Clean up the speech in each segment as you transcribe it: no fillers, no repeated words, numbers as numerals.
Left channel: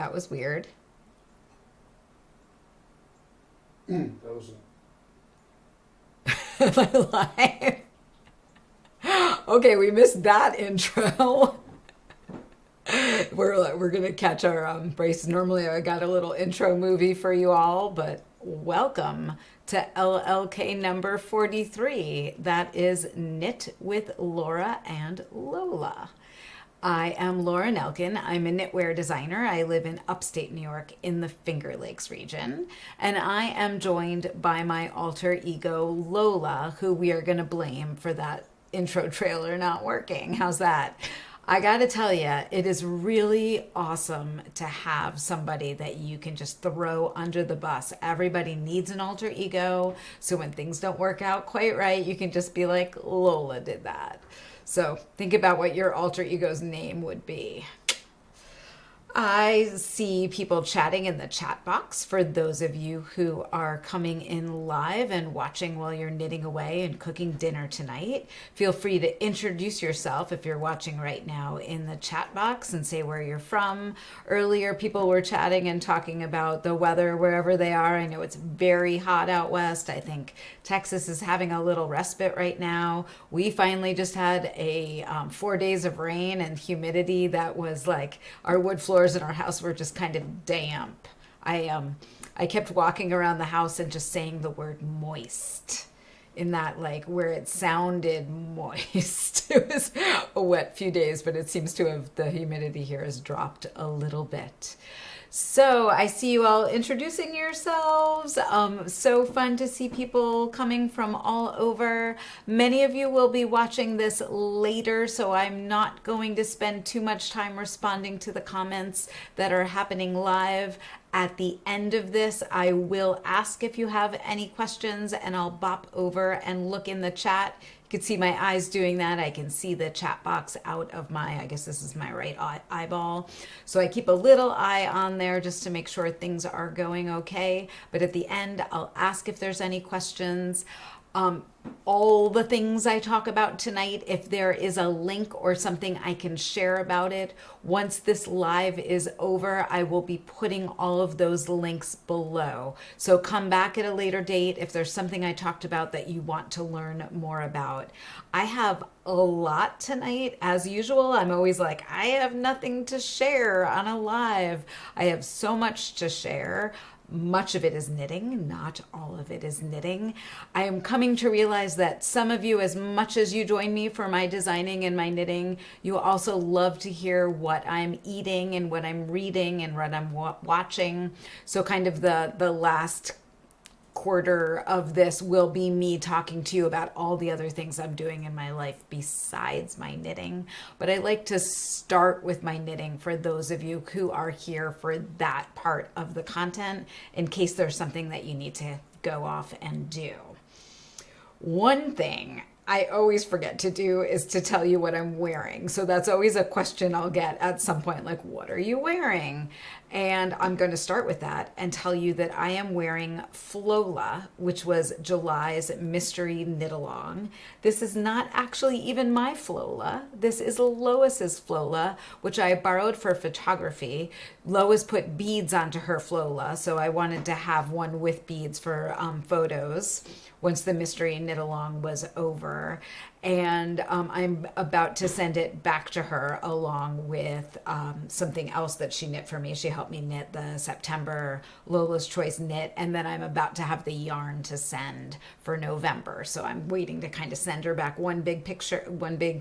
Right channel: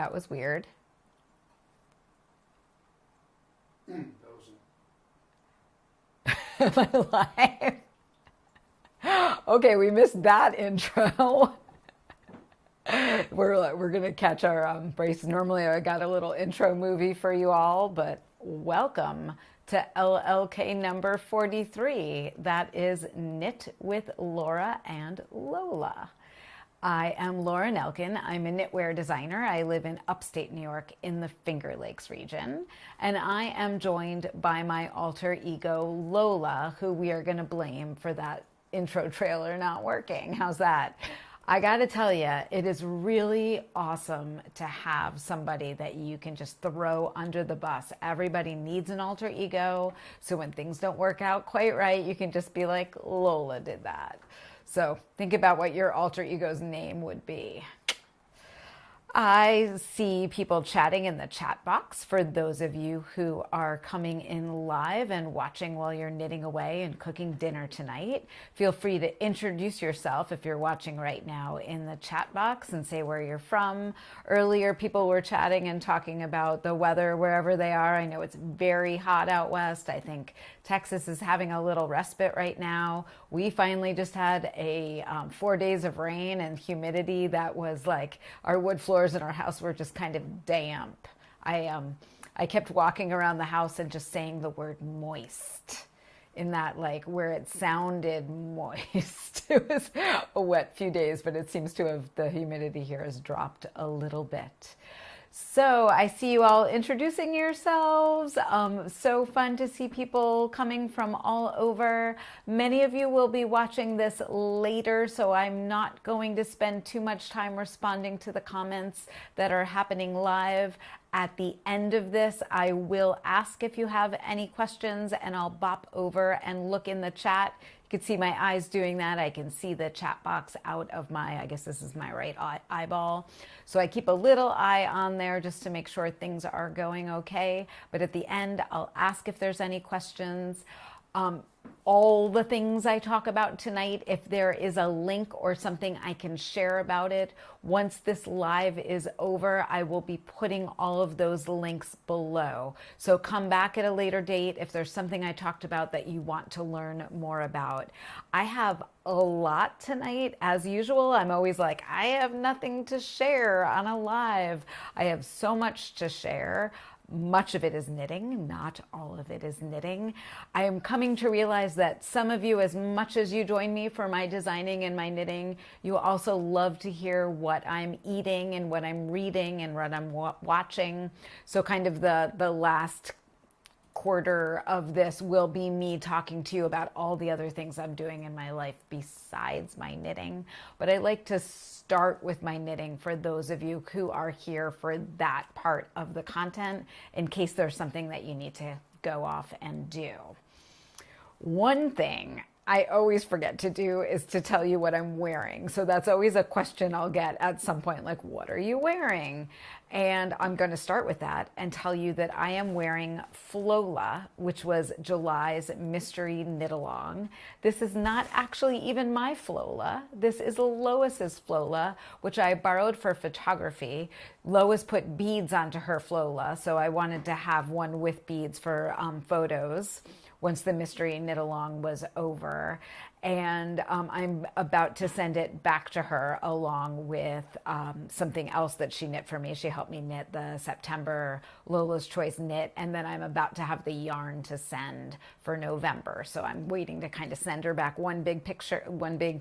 That was weird. That was Am I live? Okay, we missed that intro. We're gonna catch our braces. Normally, I got a little intro movie for you all, but welcome to LLK number 43. That is Knit with Laura and Lola. I am Laura Nelkin. I'm a knitwear designer. I live in upstate New York in the Finger Lakes region. And I am joined by my alter ego, Lola, who we are going to blame for that intro trailer not working. How's that? I got to tell you, it is really awesome to have somebody that you can just throw under the bus. Everybody needs an alter ego. So when things don't work out quite right, you can just be like, Lola did that. So think about what your alter ego's name would be. I see people chatting in the chat box for those of you who are coming in live and watching while you're knitting away and cooking dinner tonight. Feel free to introduce yourself if you're watching right now in the chat box and say where you're from. Earlier, people were chatting and talking about the weather wherever they are. I know it's very hot out west. I think Texas is having a little respite right now. We finally just had a 4 days of rain and humidity that was like our wood floors in our house were just kind of damp. I kept walking around the house and just saying the word moist in that like where it sounded moist. It was a wet few days, but it seems to have the humidity here has dropped a little bit. So I see you all introducing yourselves. So fun to see people coming from all over. Many of you will be watching this later, so I'm not going to spend too much time responding to the comments that are happening live. At the end of this, I will ask if you have any questions and I'll bop over and look in the chat. You can see my eyes doing that. I can see the chat box out of my, I guess this is my right eyeball. So I keep a little eye on there just to make sure things are going okay. But at the end, I'll ask if there's any questions. All the things I talk about tonight, if there is a link or something I can share about it, once this live is over, I will be putting all of those links below. So come back at a later date if there's something I talked about that you want to learn more about. I have a lot tonight. As usual, I'm always like, I have nothing to share on a live. I have so much to share. Much of it is knitting, not all of it is knitting. I am coming to realize that some of you, as much as you join me for my designing and my knitting, you also love to hear what I'm eating and what I'm reading and what I'm watching. So kind of the last quarter of this will be me talking to you about all the other things I'm doing in my life besides my knitting. But I like to start with my knitting for those of you who are here for that part of the content in case there's something that you need to go off and do. One thing I always forget to do is to tell you what I'm wearing. So that's always a question I'll get at some point, like, what are you wearing? And I'm going to start with that and tell you that I am wearing Flola, which was July's mystery knit along. This is not actually even my Flola. This is Lois's Flola, which I borrowed for photography. Lois put beads onto her Flola, so I wanted to have one with beads for photos once the mystery knit along was over. And I'm about to send it back to her along with something else that she knit for me. She helped me knit the September Lola's Choice knit, and then I'm about to have the yarn to send for November. So I'm waiting to kind of send her back one big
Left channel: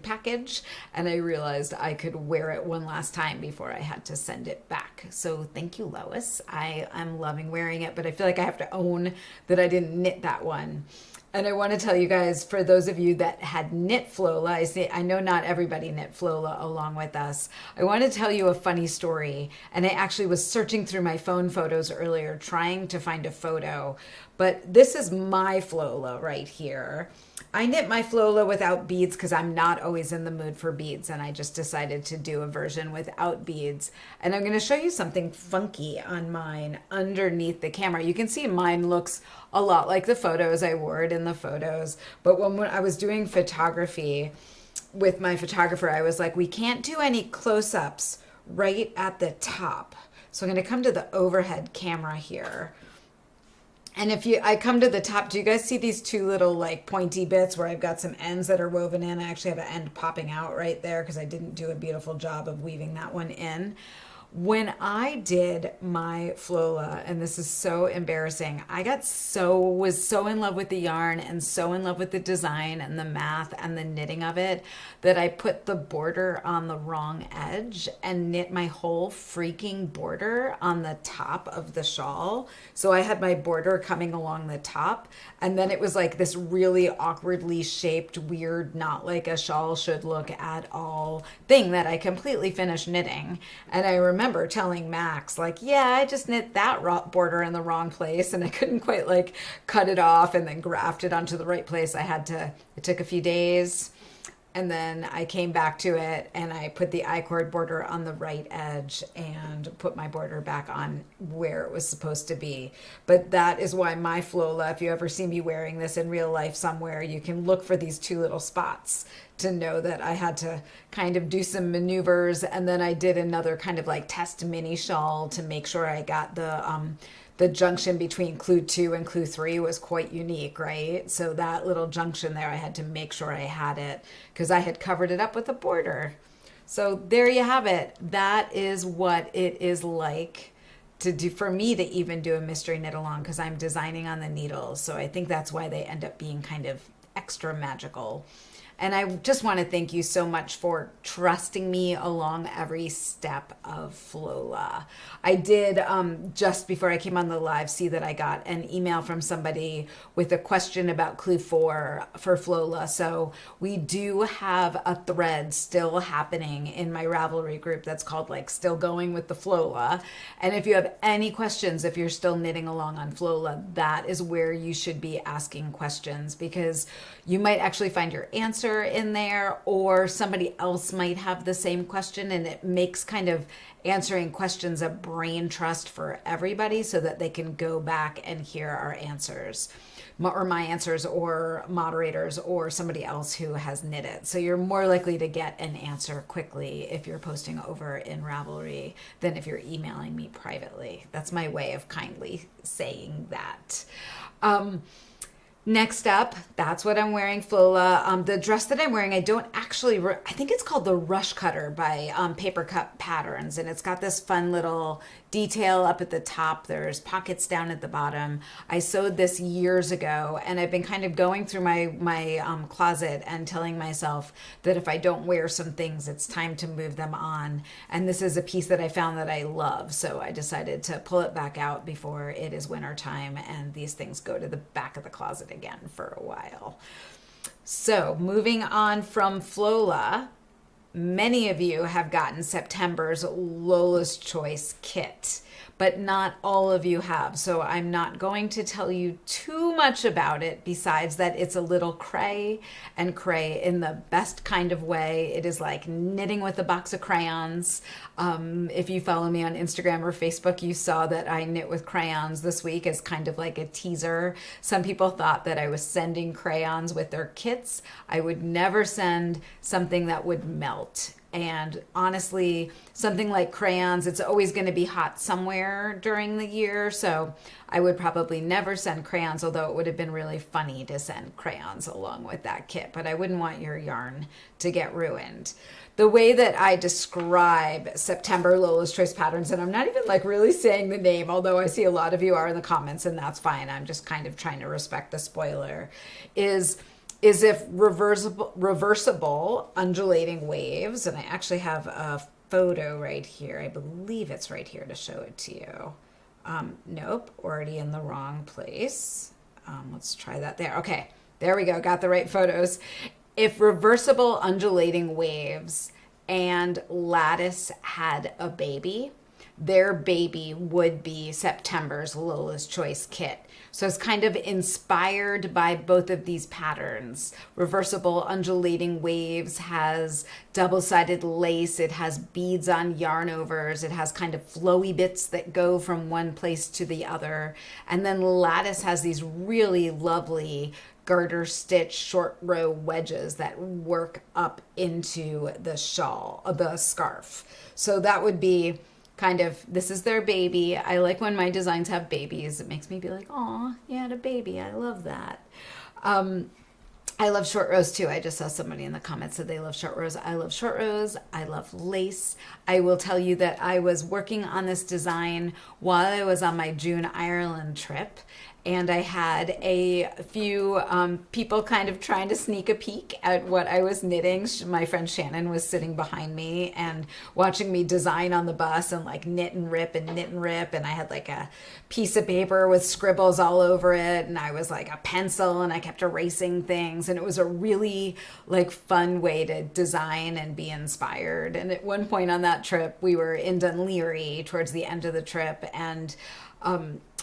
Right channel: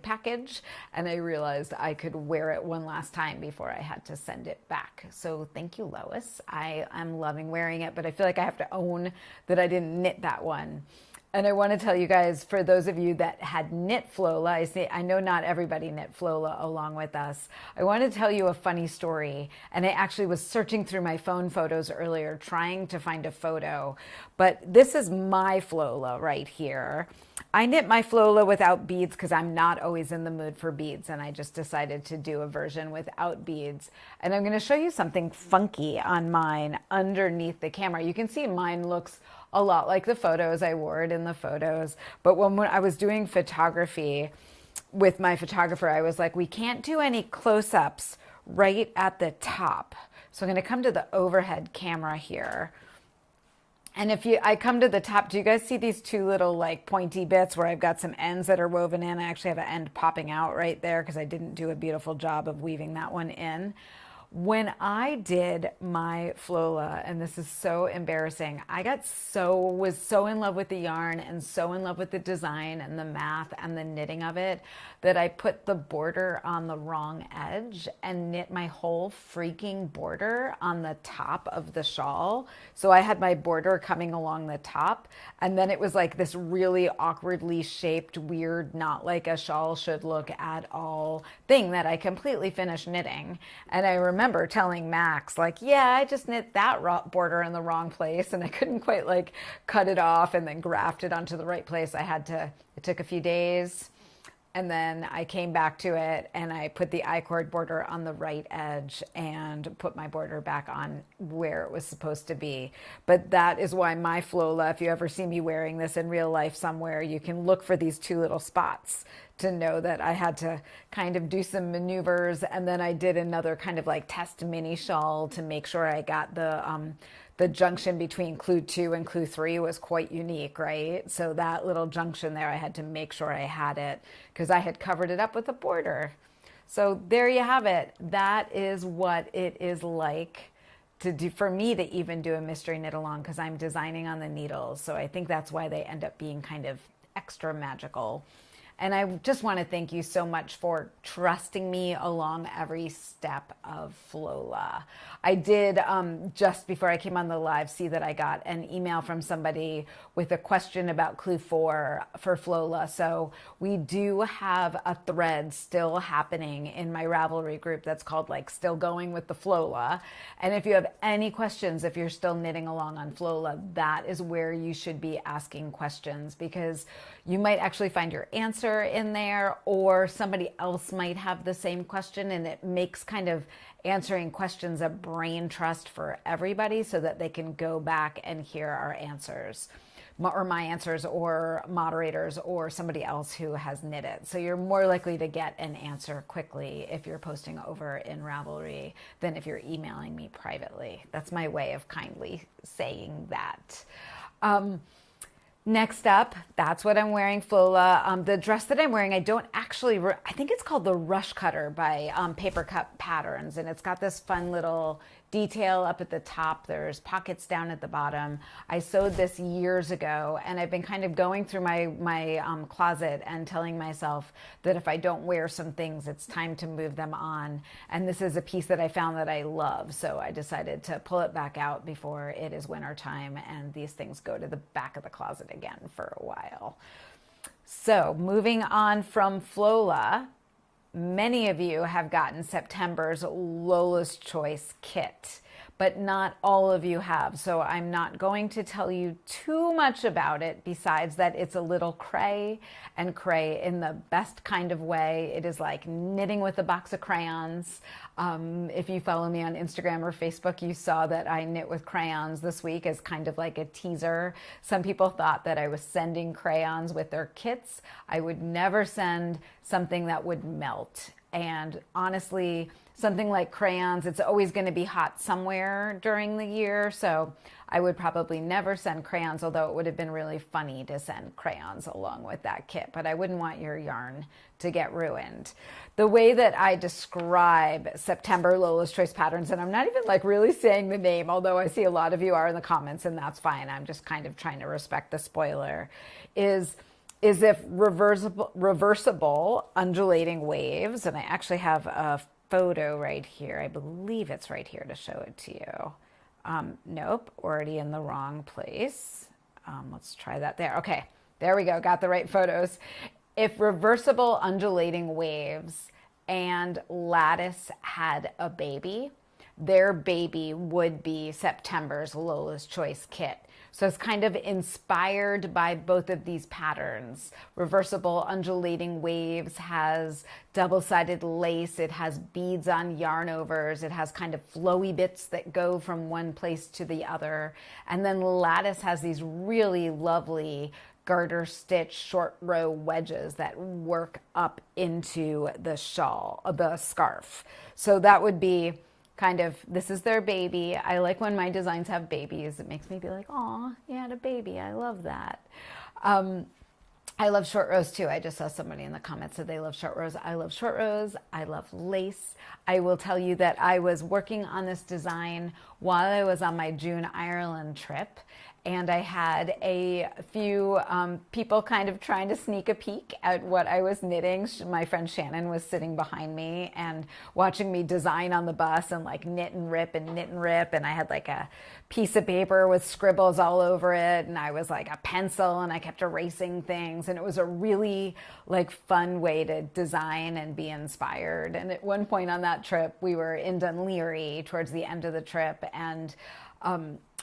package, and I realized I could wear it one last time before I had to send it back. So thank you, Lois. I am loving wearing it, but I feel like I have to own that I didn't knit that one. And I want to tell you guys, for those of you that had knit Flola, I know not everybody knit Flola along with us. I want to tell you a funny story. And I actually was searching through my phone photos earlier, trying to find a photo. But this is my Flola right here. I knit my Flola without beads because I'm not always in the mood for beads, and I just decided to do a version without beads. And I'm going to show you something funky on mine underneath the camera. You can see mine looks a lot like the photos. I wore it in the photos. But when I was doing photography with my photographer, I was like, we can't do any close-ups right at the top. So I'm going to come to the overhead camera here. And I come to the top, do you guys see these two little like pointy bits where I've got some ends that are woven in? I actually have an end popping out right there because I didn't do a beautiful job of weaving that one in. When I did my Flola, and this is so embarrassing, was so in love with the yarn and so in love with the design and the math and the knitting of it that I put the border on the wrong edge and knit my whole freaking border on the top of the shawl. So I had my border coming along the top, and then it was like this really awkwardly shaped, weird, not like a shawl should look at all thing that I completely finished knitting. And I remember telling Max, like, yeah, I just knit that border in the wrong place, and I couldn't quite like cut it off and then graft it onto the right place. It took a few days. And then I came back to it and I put the I-cord border on the right edge and put my border back on where it was supposed to be. But that is why my Flola, if you ever see me wearing this in real life somewhere, you can look for these two little spots to know that I had to kind of do some maneuvers. And then I did another kind of like test mini shawl to make sure I got the junction between clue 2 and clue 3 was quite unique, right? So that little junction there, I had to make sure I had it because I had covered it up with a border. So there you have it. That is what it is like to do for me to even do a mystery knit along because I'm designing on the needles. So I think that's why they end up being kind of extra magical. And I just want to thank you so much for trusting me along every step of Flola. I did, just before I came on the live, see that I got an email from somebody with a question about Clue 4 for Flola. So we do have a thread still happening in my Ravelry group that's called like Still Going with the Flola. And if you have any questions, if you're still knitting along on Flola, that is where you should be asking questions because you might actually find your answer in there or somebody else might have the same question, and it makes kind of answering questions a brain trust for everybody so that they can go back and hear our answers or my answers or moderators or somebody else who has knit it. So you're more likely to get an answer quickly if you're posting over in Ravelry than if you're emailing me privately. That's my way of kindly saying that. Next up, that's what I'm wearing, Flola. The dress that I'm wearing, I think it's called the Rush Cutter by Paper Cut Patterns, and it's got this fun little detail up at the top. There's pockets down at the bottom. I sewed this years ago, and I've been kind of going through my closet and telling myself that if I don't wear some things, it's time to move them on. And this is a piece that I found that I love, so I decided to pull it back out before it is winter time, and these things go to the back of the closet again for a while. So moving on from Flola, many of you have gotten September's Lola's Choice kit, but not all of you have. So I'm not going to tell you too much about it besides that it's a little cray and cray in the best kind of way. It is like knitting with a box of crayons. If you follow me on Instagram or Facebook, you saw that I knit with crayons this week as kind of like a teaser. Some people thought that I was sending crayons with their kits. I would never send something that would melt. And honestly, something like crayons, it's always going to be hot somewhere during the year. So I would probably never send crayons, although it would have been really funny to send crayons along with that kit. But I wouldn't want your yarn to get ruined. The way that I describe September Lola's Choice Patterns, and I'm not even like really saying the name, although I see a lot of you are in the comments, and that's fine. I'm just kind of trying to respect the spoiler, is if reversible undulating waves, and I actually have a photo right here. I believe it's right here to show it to you. Nope, already in the wrong place. Let's try that there. Okay, there we go, got the right photos. If reversible undulating waves and lattice had a baby, their baby would be September's Lola's Choice kit. So it's kind of inspired by both of these patterns. Reversible undulating waves has double-sided lace. It has beads on yarn overs. It has kind of flowy bits that go from one place to the other. And then lattice has these really lovely garter stitch short row wedges that work up into the shawl, the scarf. So that would be kind of, this is their baby. I like when my designs have babies. It makes me be like, oh, you had a baby. I love that. I love short rows too. I just saw somebody in the comments said they love short rows. I love short rows. I love lace. I will tell you that I was working on this design while I was on my June Ireland trip. And I had a few people kind of trying to sneak a peek at what I was knitting. My friend Shannon was sitting behind me and watching me design on the bus and like knit and rip and knit and rip. And I had like a piece of paper with scribbles all over it. And I was like a pencil and I kept erasing things. And it was a really like fun way to design and be inspired. And at one point on that trip, we were in Dunleary towards the end of the trip. And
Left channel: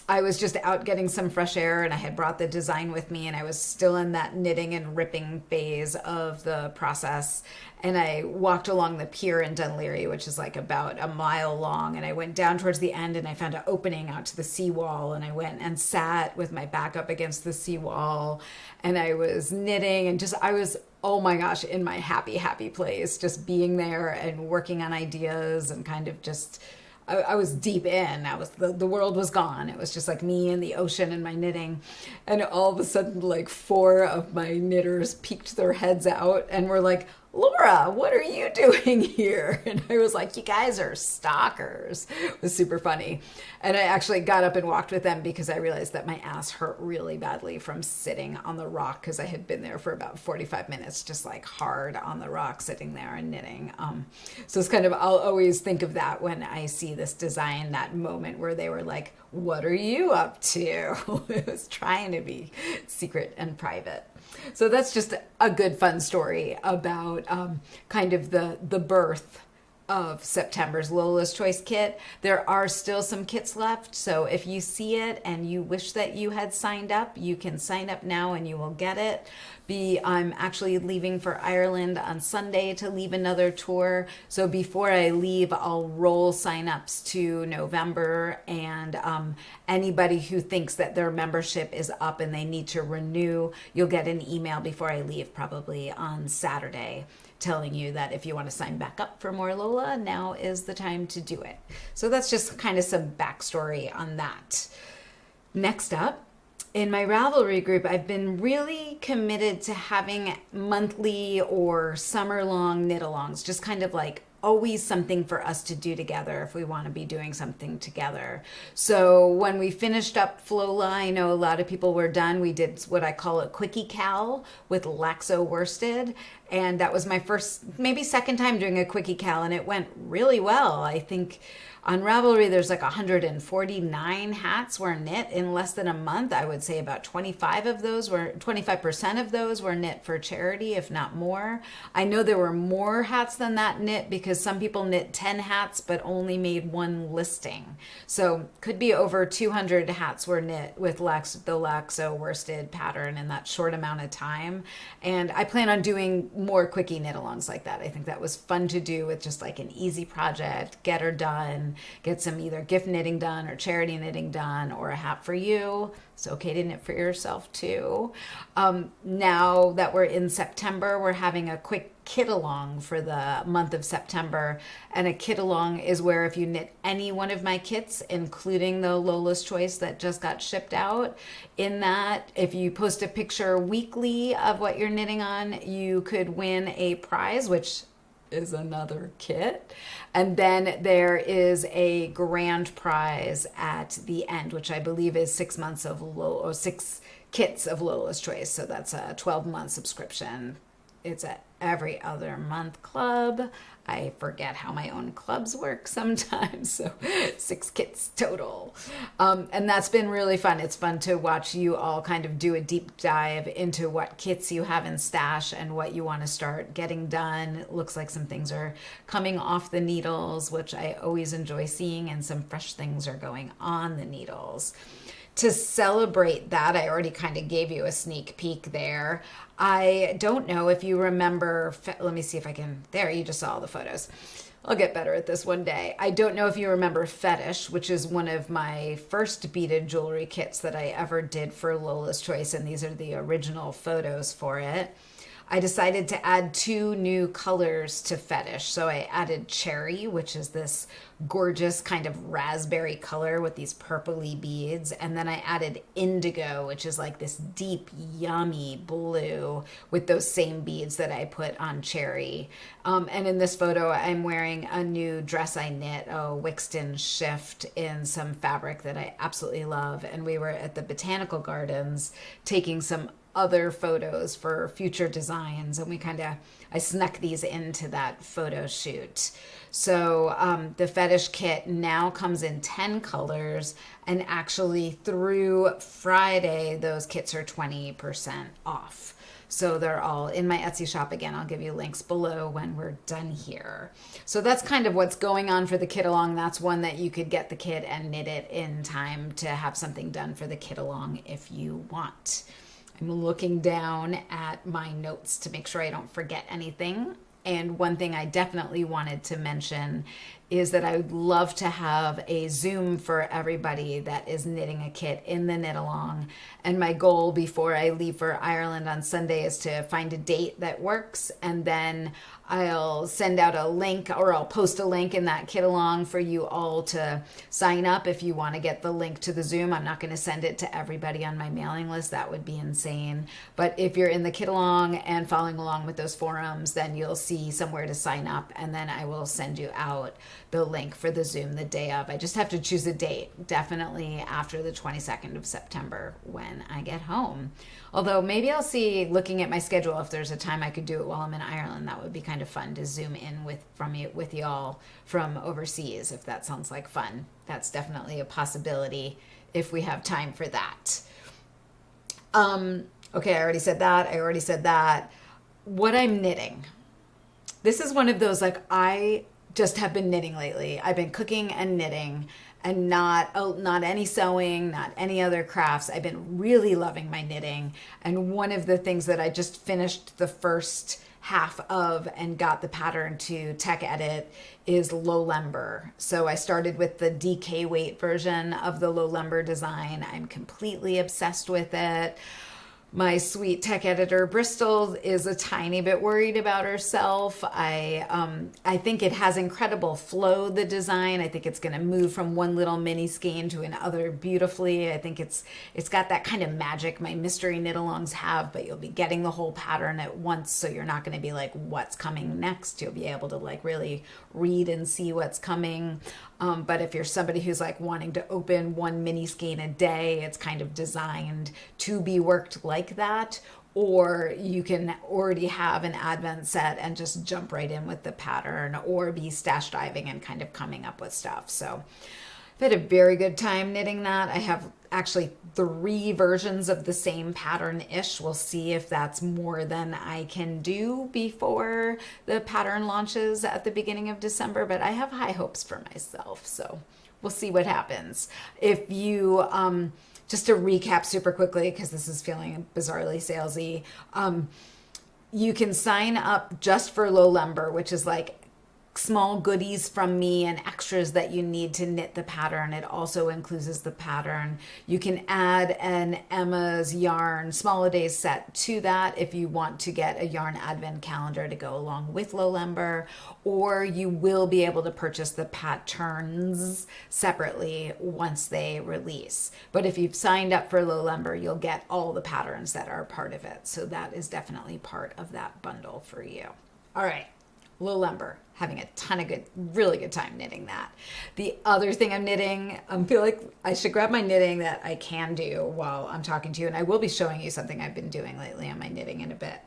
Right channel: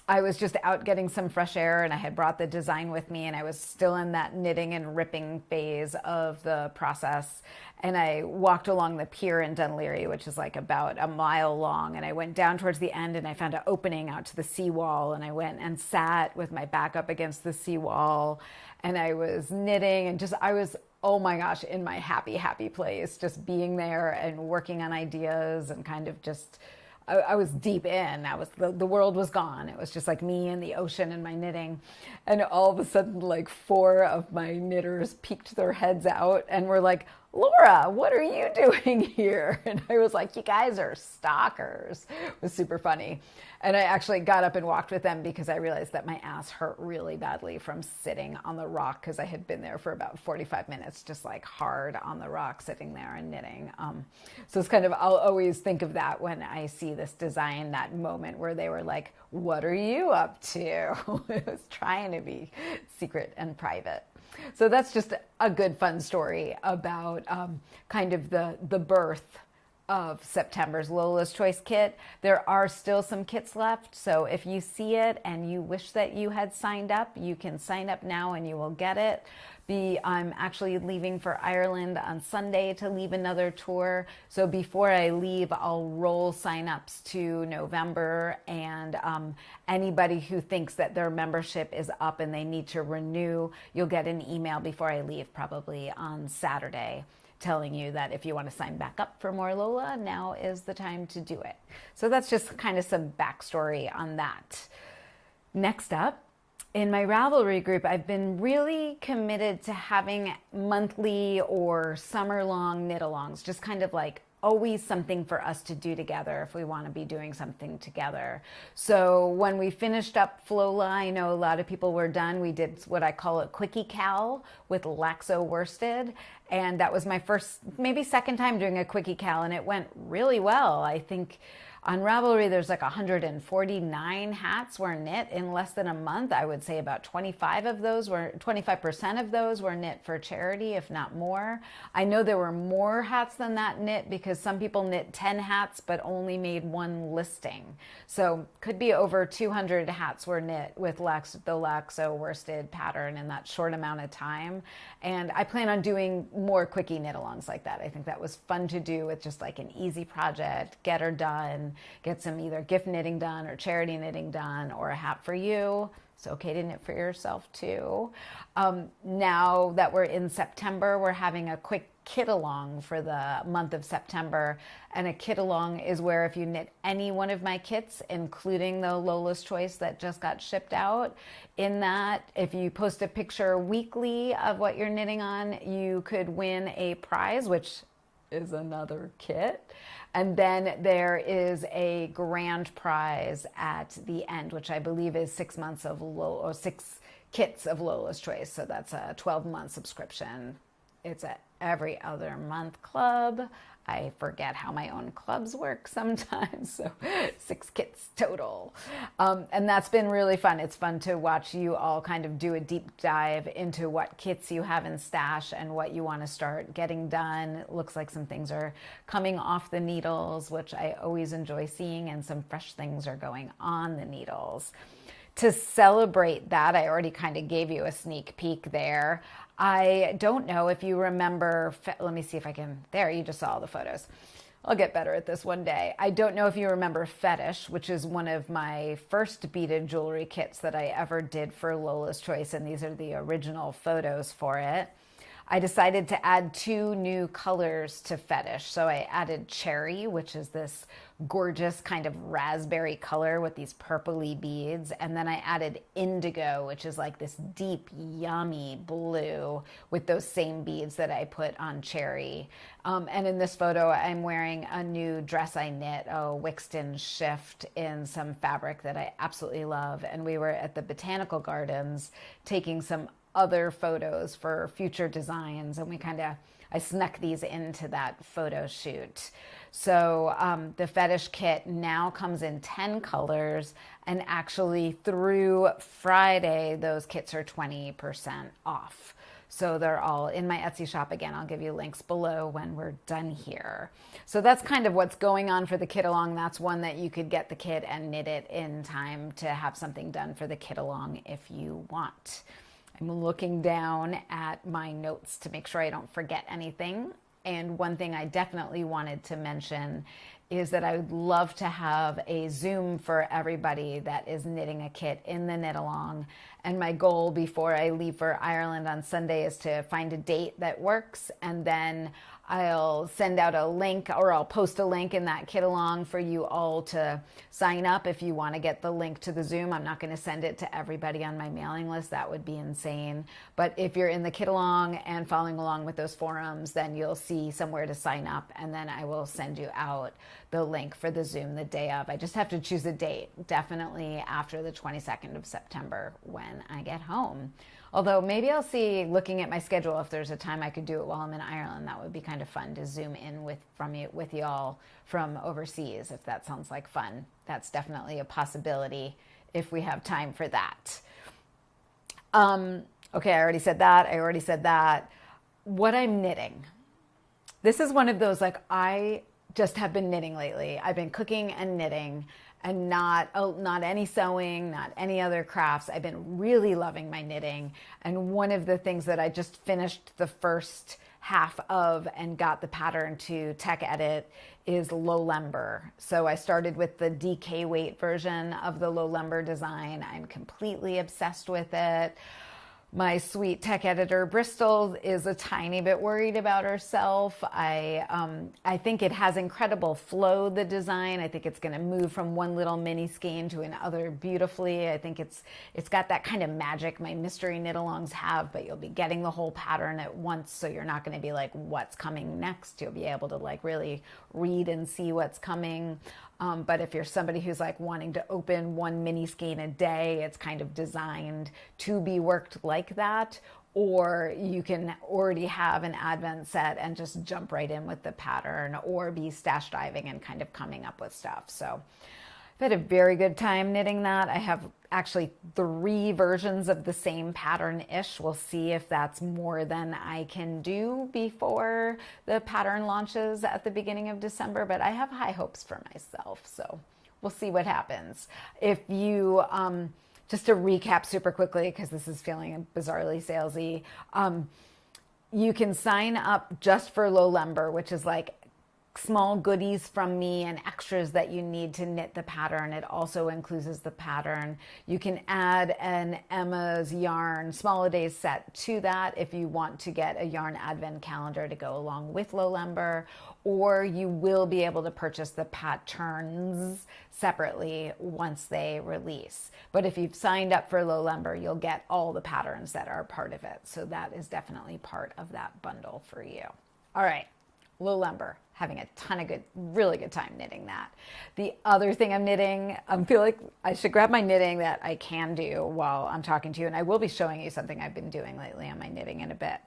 I was just out getting some fresh air and I had brought the design with me and I was still in that knitting and ripping phase of the process. And I walked along the pier in Dunleary, which is like about a mile long. And I went down towards the end and I found an opening out to the seawall. And I went and sat with my back up against the seawall. And I was knitting and just, I was, oh my gosh, in my happy, happy place, just being there and working on ideas and kind of just, I was deep in. I was the world was gone. It was just like me and the ocean and my knitting. And all of a sudden, like 4 of my knitters peeked their heads out and were like, Laura, what are you doing here? And I was like, you guys are stalkers. It was super funny. And I actually got up and walked with them because I realized that my ass hurt really badly from sitting on the rock because I had been there for about 45 minutes, just like hard on the rock, sitting there and knitting. So it's kind of, I'll always think of that when I see this design, that moment where they were like, what are you up to? It was trying to be secret and private. So that's just a good fun story about kind of the birth of September's Lola's Choice kit. There are still some kits left, so if you see it and you wish that you had signed up, you can sign up now and you will get it. I'm actually leaving for Ireland on Sunday to leave another tour. So before I leave, I'll roll signups to November, and anybody who thinks that their membership is up and they need to renew, you'll get an email before I leave, probably on Saturday, telling you that if you want to sign back up for more Lola, now is the time to do it. So that's just kind of some backstory on that. Next up, in my Ravelry group, I've been really committed to having monthly or summer-long knit-alongs, just kind of like always something for us to do together if we want to be doing something together. So when we finished up Flola, I know a lot of people were done. We did what I call a quickie cal with Laxo worsted. And that was my first, maybe second time doing a quickie cal, and it went really well. I think on Ravelry, there's like 149 hats were knit in less than a month. I would say about 25% of those were knit for charity, if not more. I know there were more hats than that knit because some people knit 10 hats but only made one listing. So could be over 200 hats were knit with the Laxo worsted pattern in that short amount of time. And I plan on doing more quickie knit-alongs like that. I think that was fun to do with just like an easy project, get her done, get some either gift knitting done or charity knitting done or a hat for you. It's okay to knit for yourself too. Now that we're in September, we're having a quick kit along for the month of September. And a kit along is where if you knit any one of my kits, including the Lola's Choice that just got shipped out, in that, if you post a picture weekly of what you're knitting on, you could win a prize, which is another kit. And then there is a grand prize at the end, which I believe is 6 months of or 6 kits of Lola's Choice. So that's a 12-month subscription. It's a every other month club. I forget how my own clubs work sometimes, so 6 kits total. And that's been really fun. It's fun to watch you all kind of do a deep dive into what kits you have in stash and what you want to start getting done. It looks like some things are coming off the needles, which I always enjoy seeing, and some fresh things are going on the needles. To celebrate that, I already kind of gave you a sneak peek there. I don't know if you remember, let me see if I can, there, you just saw all the photos. I'll get better at this one day. I don't know if you remember Fetish, which is one of my first beaded jewelry kits that I ever did for Lola's Choice, and these are the original photos for it. I decided to add two new colors to Fetish. So I added Cherry, which is this gorgeous kind of raspberry color with these purpley beads. And then I added Indigo, which is like this deep, yummy blue with those same beads that I put on Cherry. And in this photo, I'm wearing a new dress I knit, a Wixton shift in some fabric that I absolutely love. And we were at the Botanical Gardens taking some other photos for future designs, and I snuck these into that photo shoot. So the Fetish kit now comes in 10 colors, and actually through Friday those kits are 20% off. So they're all in my Etsy shop. Again, I'll give you links below when we're done here. So that's kind of what's going on for the kit along. That's one that you could get the kit and knit it in time to have something done for the kit along if you want. I'm looking down at my notes to make sure I don't forget anything. And one thing I definitely wanted to mention is that I would love to have a Zoom for everybody that is knitting a kit in the knit along. And my goal before I leave for Ireland on Sunday is to find a date that works, and then I'll send out a link, or I'll post a link in that kit along for you all to sign up if you want to get the link to the Zoom. I'm not going to send it to everybody on my mailing list. That would be insane. But if you're in the kit along and following along with those forums, then you'll see somewhere to sign up, and then I will send you out the link for the Zoom the day of. I just have to choose a date, definitely after the 22nd of September when I get home. Although maybe I'll see, looking at my schedule, if there's a time I could do it while I'm in Ireland. That would be kind of fun to Zoom in with y'all from overseas, if that sounds like fun. That's definitely a possibility if we have time for that. Okay, I already said that. What I'm knitting. This is one of those, like, I just have been knitting lately. I've been cooking and knitting, and not any sewing, not any other crafts. I've been really loving my knitting. And one of the things that I just finished the first half of and got the pattern to tech edit is low lumber. So I started with the DK weight version of the low lumber design. I'm completely obsessed with it. My sweet tech editor, Bristol, is a tiny bit worried about herself. I think it has incredible flow, the design. I think it's going to move from one little mini skein to another beautifully. I think it's got that kind of magic my mystery knit-alongs have, but you'll be getting the whole pattern at once, so you're not going to be like, what's coming next? You'll be able to like really read and see what's coming. But if you're somebody who's like wanting to open one mini skein a day, it's kind of designed to be worked like that. Or you can already have an advent set and just jump right in with the pattern, or be stash diving and kind of coming up with stuff. So I've had a very good time knitting that. I have actually 3 versions of the same pattern-ish. We'll see if that's more than I can do before the pattern launches at the beginning of December, but I have high hopes for myself, so we'll see what happens. If you, just to recap super quickly, because this is feeling bizarrely salesy, you can sign up just for low lumber, which is like small goodies from me and extras that you need to knit the pattern. It also includes the pattern. You can add an Emma's yarn small a days set to that if you want to get a yarn advent calendar to go along with low lumber, or you will be able to purchase the patterns separately once they release. But if you've signed up for low lumber, you'll get all the patterns that are part of it. So that is definitely part of that bundle for you. All right. Low lumber, having a ton of really good time knitting that. The other thing I'm knitting, I feel like I should grab my knitting that I can do while I'm talking to you, and I will be showing you something I've been doing lately on my knitting in a bit.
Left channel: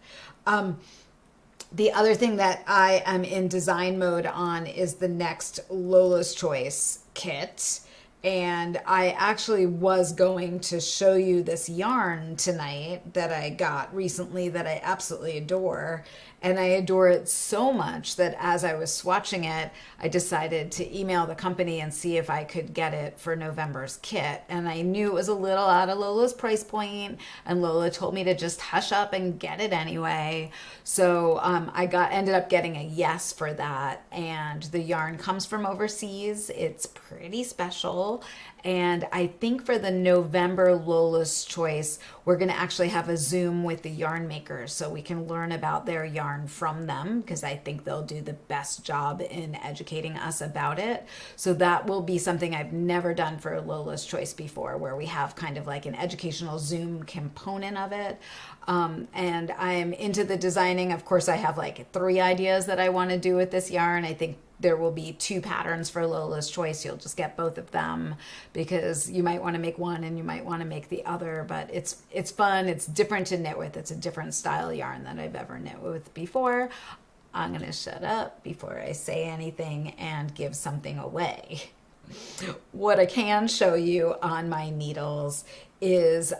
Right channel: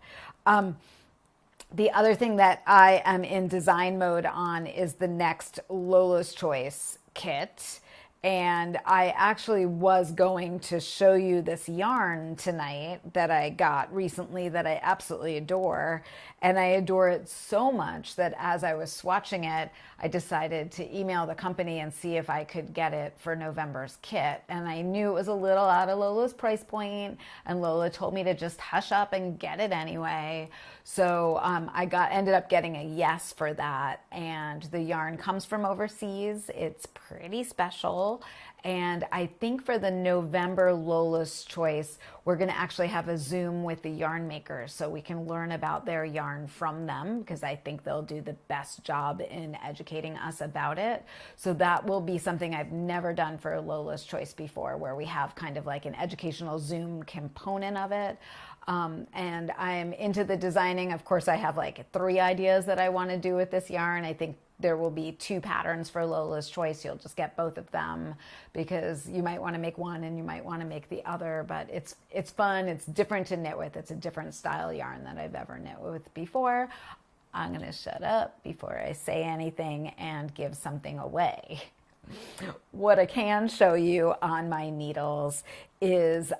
The other thing that I am in design mode on is the next Lola's Choice kit. And I actually was going to show you this yarn tonight that I got recently that I absolutely adore. And I adore it so much that as I was swatching it, I decided to email the company and see if I could get it for November's kit. And I knew it was a little out of Lola's price point, and Lola told me to just hush up and get it anyway. So I ended up getting a yes for that. And the yarn comes from overseas. It's pretty special. And I think for the November Lola's Choice, we're going to actually have a Zoom with the yarn makers so we can learn about their yarn from them, because I think they'll do the best job in educating us about it. So that will be something I've never done for Lola's Choice before, where we have kind of like an educational Zoom component of it. And I'm into the designing. Of course, I have like 3 ideas that I want to do with this yarn. I think there will be 2 patterns for Lola's Choice. You'll just get both of them because you might want to make one and you might want to make the other, but it's fun. It's different to knit with. It's a different style yarn than I've ever knit with before. I'm going to shut up before I say anything and give something away. What I can show you on my needles is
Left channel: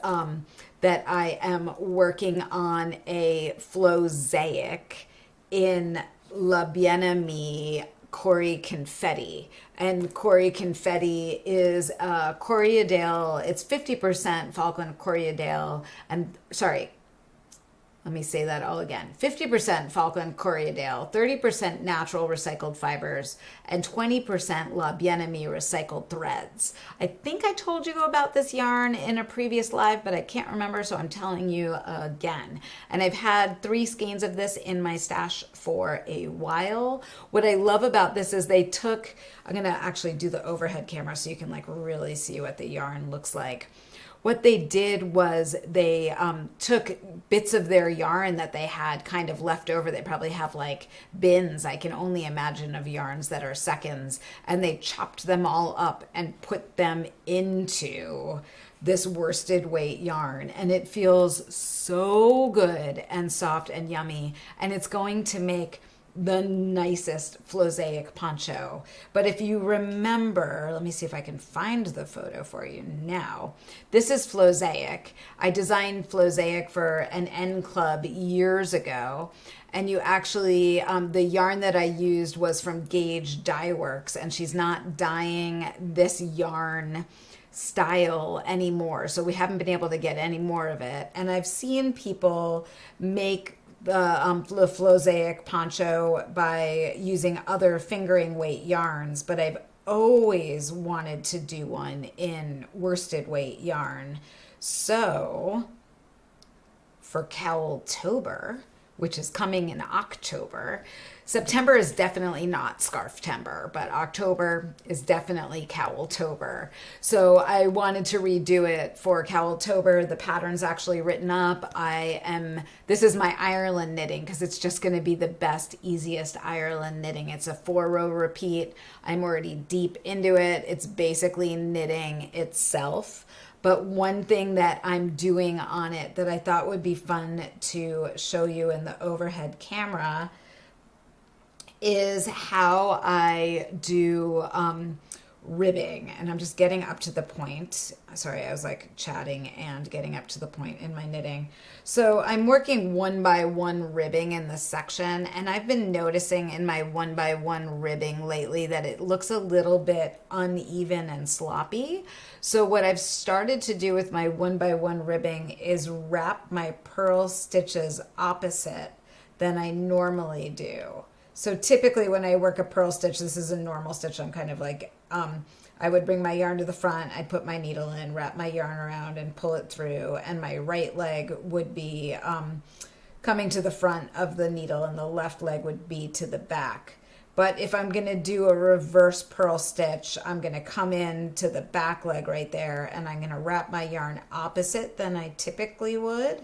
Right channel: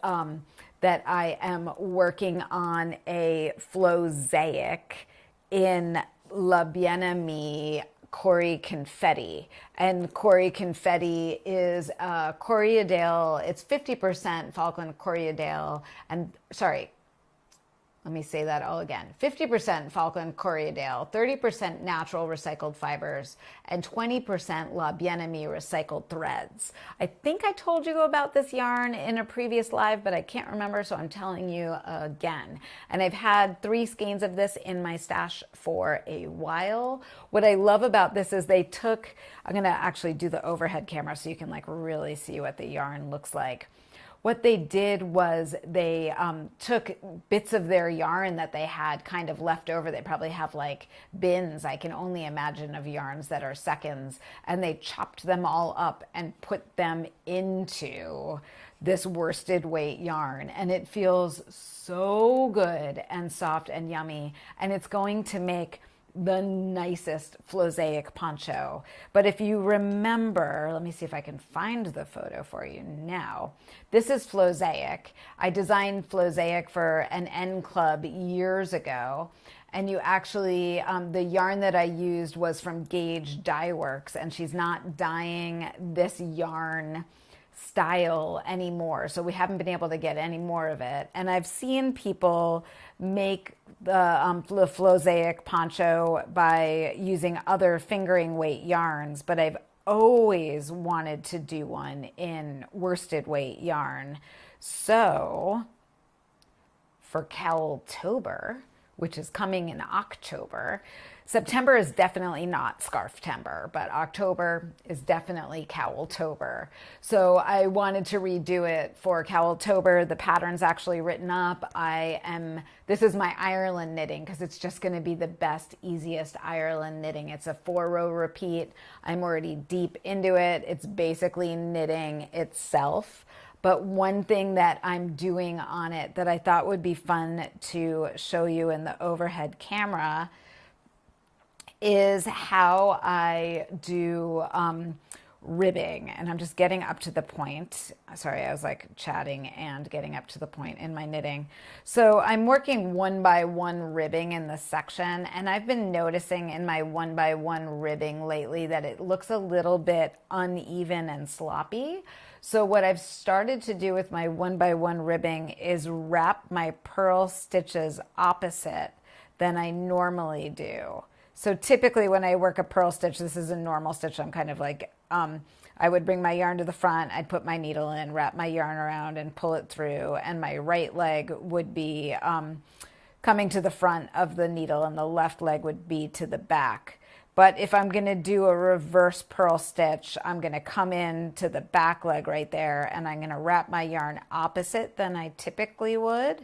that I am working on a Flosaic in La Bien-Aimée Cory Confetti. And Cory Confetti is Corriedale. It's 50% Falkland Corriedale. And sorry, let me say that all again. 50% Falkland Corriedale, 30% natural recycled fibers, and 20% La Bien-Aimée recycled threads. I think I told you about this yarn in a previous live, but I can't remember, so I'm telling you again. And I've had 3 skeins of this in my stash for a while. What I love about this is they took, I'm gonna actually do the overhead camera so you can like really see what the yarn looks like. What they did was they took bits of their yarn that they had kind of left over. They probably have like bins, I can only imagine, of yarns that are seconds. And they chopped them all up and put them into this worsted weight yarn. And it feels so good and soft and yummy. And it's going to make the nicest Flosaic poncho. But if you remember, let me see if I can find the photo for you now. This is Flosaic. I designed Flosaic for an N Club years ago. And you actually, the yarn that I used was from Gauge Dye Works, and she's not dyeing this yarn style anymore. So we haven't been able to get any more of it. And I've seen people make the Flosaic poncho by using other fingering weight yarns, but I've always wanted to do one in worsted weight yarn. So for Cowltober, which is coming in October, September is definitely not Scarftember, but October is definitely Cowltober. So I wanted to redo it for Cowltober. The pattern's actually written up. This is my Ireland knitting because it's just going to be the best, easiest Ireland knitting. It's a 4-row repeat. I'm already deep into it. It's basically knitting itself. But one thing that I'm doing on it that I thought would be fun to show you in the overhead camera is how I do ribbing. And I'm just getting up to the point. Sorry, I was like chatting and getting up to the point in my knitting. So I'm working 1x1 ribbing in this section, and I've been noticing in my 1x1 ribbing lately that it looks a little bit uneven and sloppy. So what I've started to do with my 1x1 ribbing is wrap my purl stitches opposite than I normally do. So typically when I work a purl stitch, this is a normal stitch. I'm kind of like, I would bring my yarn to the front, I'd put my needle in, wrap my yarn around and pull it through. And my right leg would be coming to the front of the needle and the left leg would be to the back. But if I'm gonna do a reverse purl stitch, I'm gonna come in to the back leg right there and I'm gonna wrap my yarn opposite than I typically would.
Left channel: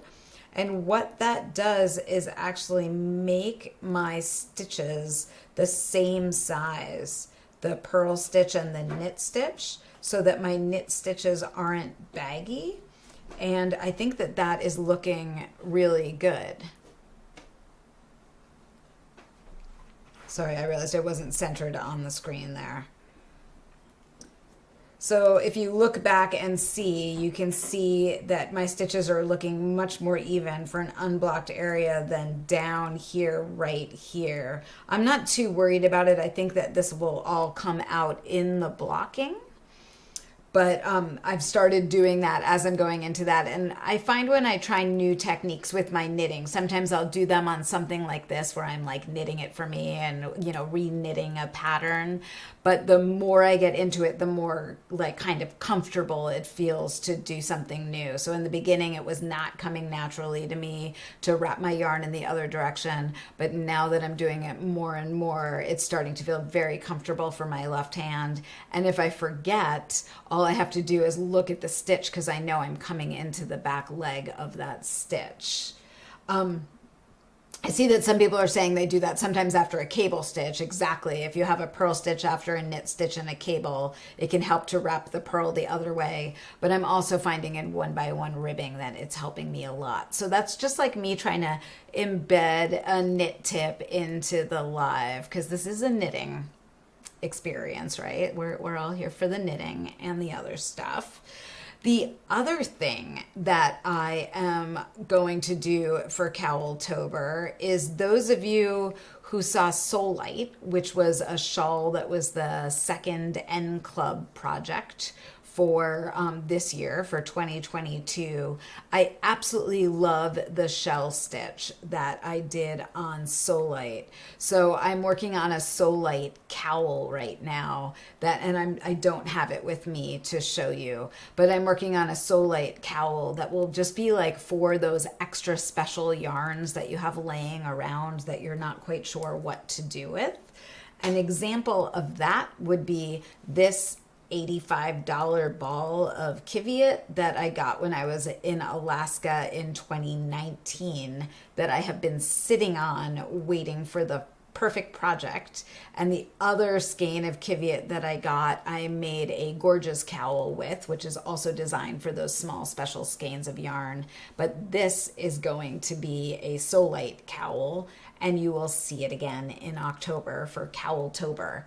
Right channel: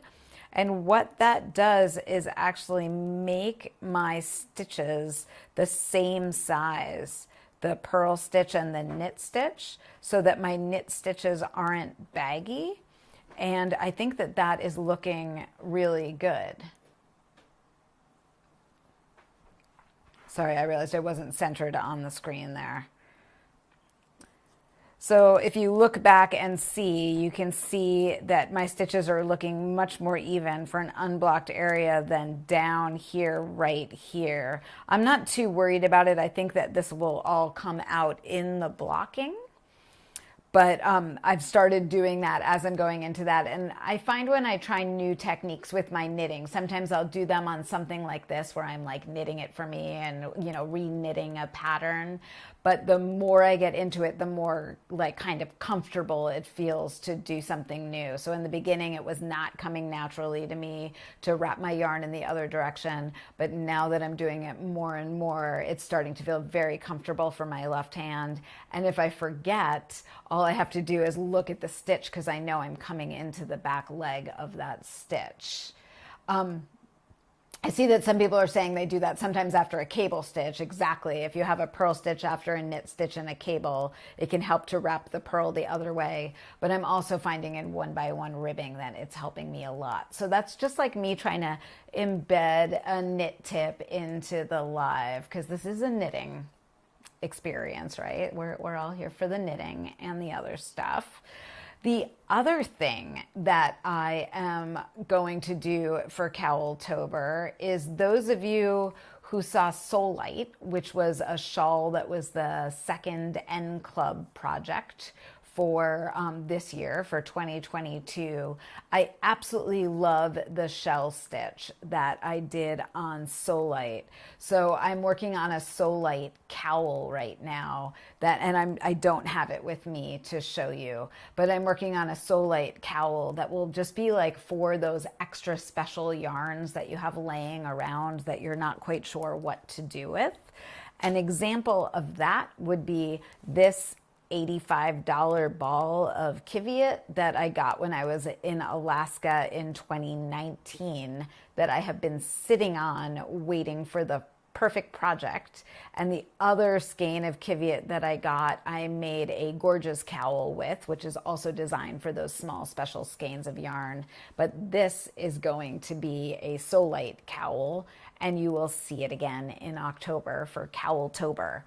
And what that does is actually make my stitches the same size, the purl stitch and the knit stitch, so that my knit stitches aren't baggy. And I think that that is looking really good. Sorry, I realized I wasn't centered on the screen there. So if you look back and see, you can see that my stitches are looking much more even for an unblocked area than down here, right here. I'm not too worried about it. I think that this will all come out in the blocking. But I've started doing that as I'm going into that. And I find when I try new techniques with my knitting, sometimes I'll do them on something like this where I'm like knitting it for me and, you know, re-knitting a pattern. But the more I get into it, the more like kind of comfortable it feels to do something new. So in the beginning, it was not coming naturally to me to wrap my yarn in the other direction. But now that I'm doing it more and more, it's starting to feel very comfortable for my left hand. And if I forget, all I have to do is look at the stitch because I know I'm coming into the back leg of that stitch. I see that some people are saying they do that sometimes after a cable stitch. Exactly. If you have a purl stitch after a knit stitch and a cable, it can help to wrap the purl the other way. But I'm also finding in 1x1 ribbing that it's helping me a lot. So that's just like me trying to embed a knit tip into the live, because this is a knitting experience, right? We're all here for the knitting and the other stuff. The other thing that I am going to do for Cowltober is those of you who saw Soul Light, which was a shawl that was the second N Club project for this year, for 2022. I absolutely love the shell stitch that I did on Soul Light. So I'm working on a Soul Light cowl right now and I don't have it with me to show you, but I'm working on a Soul Light cowl that will just be like for those extra special yarns that you have laying around that you're not quite sure what to do with. An example of that would be this $85 ball of Kiviot that I got when I was in Alaska in 2019 that I have been sitting on waiting for the perfect project. And the other skein of Kiviot that I got, I made a gorgeous cowl with, which is also designed for those small special skeins of yarn. But this is going to be a Soul Light cowl, and you will see it again in October for Cowltober.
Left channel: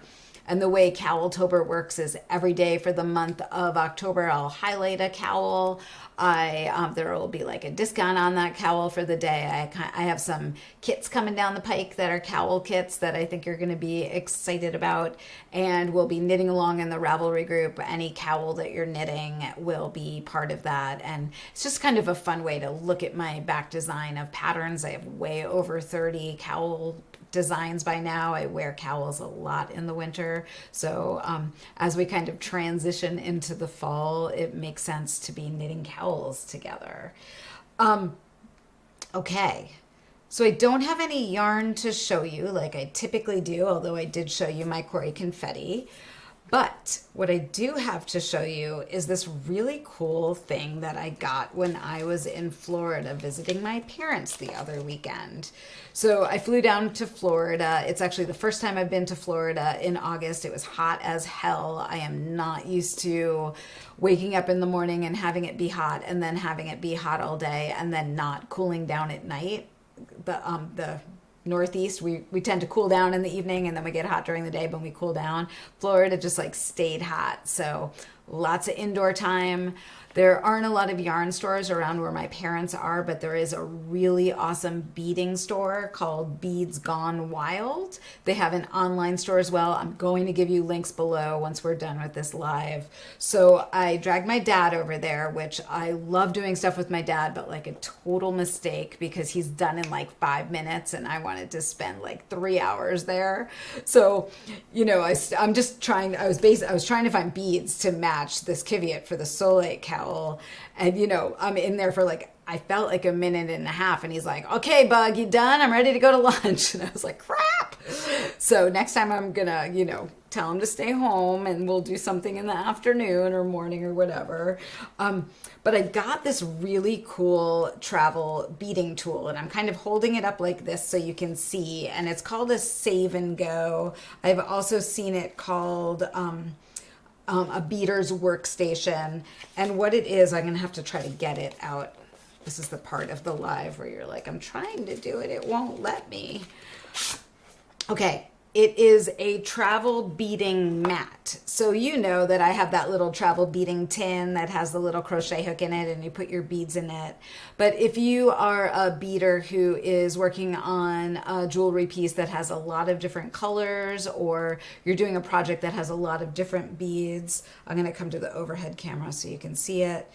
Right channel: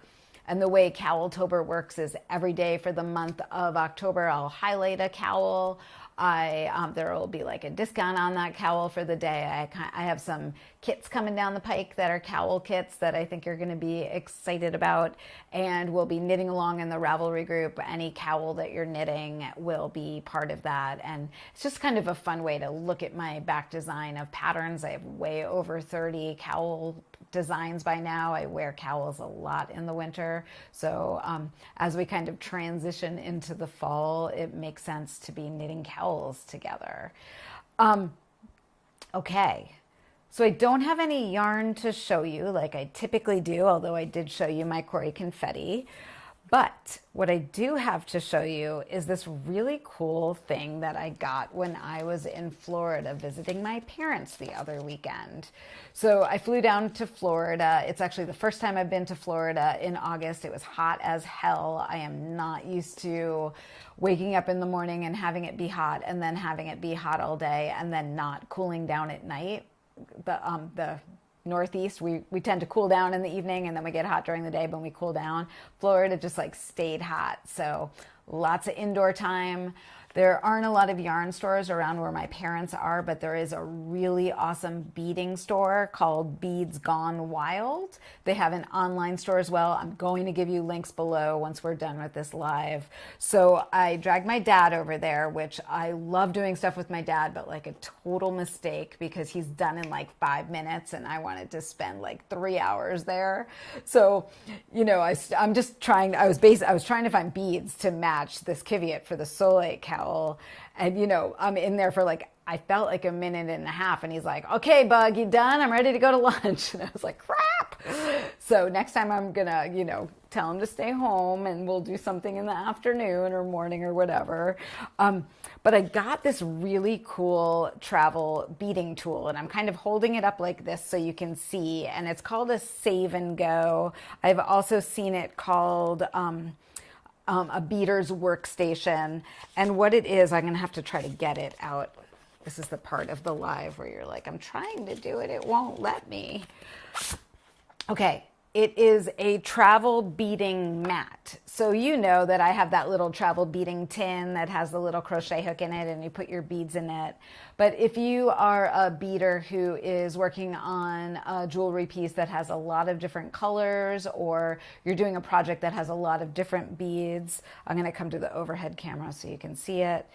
And the way Cowltober works is every day for the month of October, I'll highlight a cowl. There will be like a discount on that cowl for the day. I have some kits coming down the pike that are cowl kits that I think you're going to be excited about. And we'll be knitting along in the Ravelry group. Any cowl that you're knitting will be part of that. And it's just kind of a fun way to look at my back design of patterns. I have way over 30 cowl designs by now. I wear cowls a lot in the winter. So as we kind of transition into the fall, it makes sense to be knitting cowls together. Okay. So I don't have any yarn to show you like I typically do, although I did show you my Cori confetti. But what I do have to show you is this really cool thing that I got when I was in Florida visiting my parents the other weekend. So I flew down to Florida. It's actually the first time I've been to Florida in August. It was hot as hell. I am not used to waking up in the morning and having it be hot and then having it be hot all day and then not cooling down at night. The Northeast, we tend to cool down in the evening and then we get hot during the day, but we cool down. Florida just like stayed hot. So lots of indoor time. There aren't a lot of yarn stores around where my parents are, but there is a really awesome beading store called Beads Gone Wild. They have an online store as well. I'm going to give you links below once we're done with this live. So I dragged my dad over there, which I love doing stuff with my dad, but like a total mistake because he's done in like 5 minutes and I wanted to spend like 3 hours there. So, you know, I'm just trying, I was trying to find beads to match this Kiviot for the Soleil cowl. And, you know, I'm in there for like, I felt like a minute and a half. And he's like, okay, Bug, you done? I'm ready to go to lunch. And I was like, crap. So next time I'm going to, you know, tell him to stay home and we'll do something in the afternoon or morning or whatever. But I got this really cool travel beading tool and I'm kind of holding it up like this so you can see. And it's called a Save and Go. I've also seen it called a beater's workstation. And what it is, I'm going to have to try to get it out. This is the part of the live where you're like, I'm trying to do it. It won't let me. Okay. It is a travel beading mat. So you know that I have that little travel beading tin that has the little crochet hook in it and you put your beads in it. But if you are a beader who is working on a jewelry piece that has a lot of different colors, or you're doing a project that has a lot of different beads, I'm going to come to the overhead camera so you can see it.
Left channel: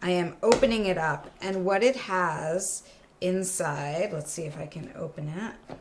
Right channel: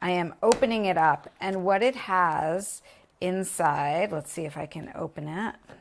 I am opening it up, and what it has inside, let's see if I can open it,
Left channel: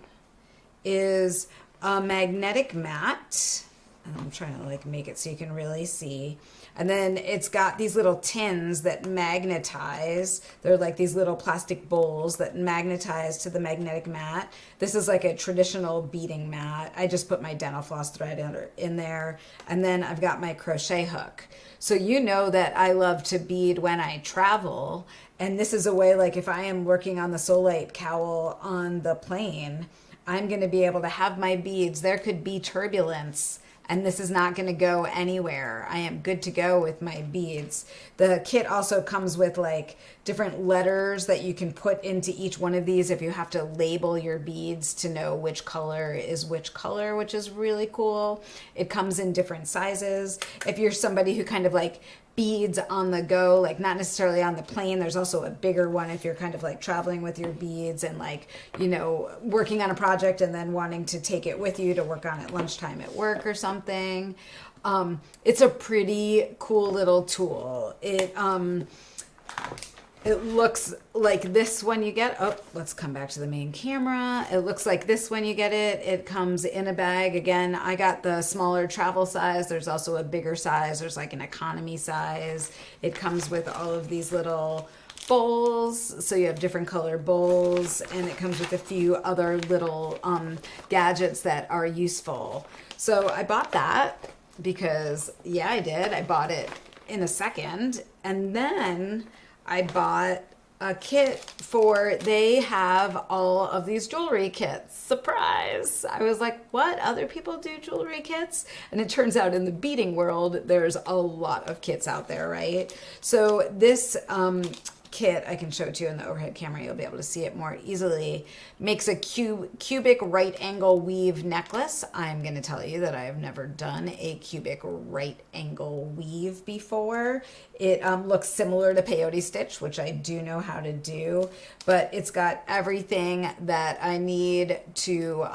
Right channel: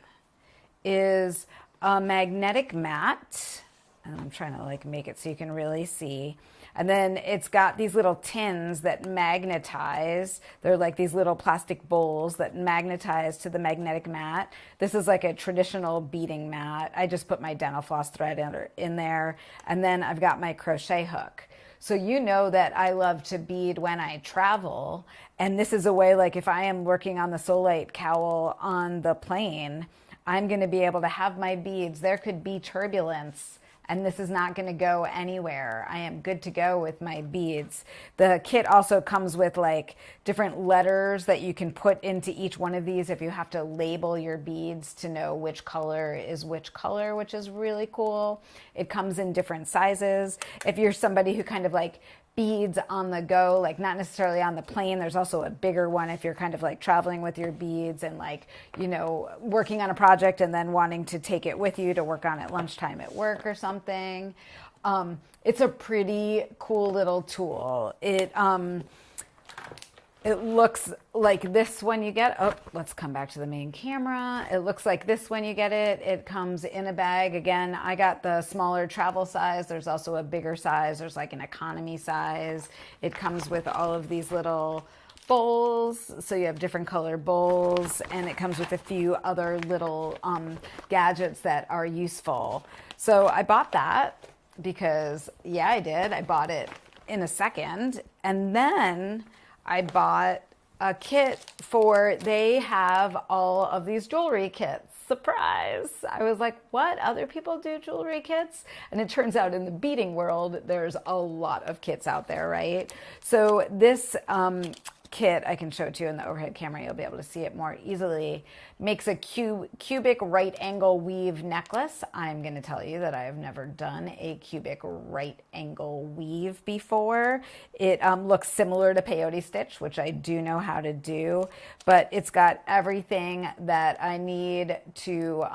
is a magnetic mat, and I'm trying to like make it so you can really see. And then it's got these little tins that magnetize. They're like these little plastic bowls that magnetize to the magnetic mat. This is like a traditional beading mat. I just put my dental floss thread in there, and then I've got my crochet hook. So you know that I love to bead when I travel, and this is a way, like if I am working on the Solite cowl on the plane, I'm going to be able to have my beads. There could be turbulence, and this is not going to go anywhere. I am good to go with my beads. The kit also comes with like different letters that you can put into each one of these if you have to label your beads to know which color is which color, which is really cool. It comes in different sizes. If you're somebody who kind of like beads on the go, like not necessarily on the plane, there's also a bigger one if you're kind of like traveling with your beads and like, you know, working on a project and then wanting to take it with you to work on at lunchtime at work or something. It's a pretty cool little tool. It looks like this when you get, oh, let's come back to the main camera. It looks like this when you get it. It comes in a bag. Again, I got the smaller travel size. There's also a bigger size. There's like an economy size. It comes with all of these little bowls. So you have different color bowls, and it comes with a few other little gadgets that are useful. So I bought that because, yeah, I did. I bought it in a second. And then I bought a kit they have all of these jewelry kits. Surprise! I was like, what? Other people do jewelry kits? And it turns out in the beading world, there's a lot of kits out there, right? So this kit, I can show it to you in the overhead camera, you'll be able to see it more easily, makes a cubic right angle weave necklace. I'm going to tell you that I have never done a cubic right angle weave before. It looks similar to peyote stitch, which I do know how to do, but it's got everything that I need to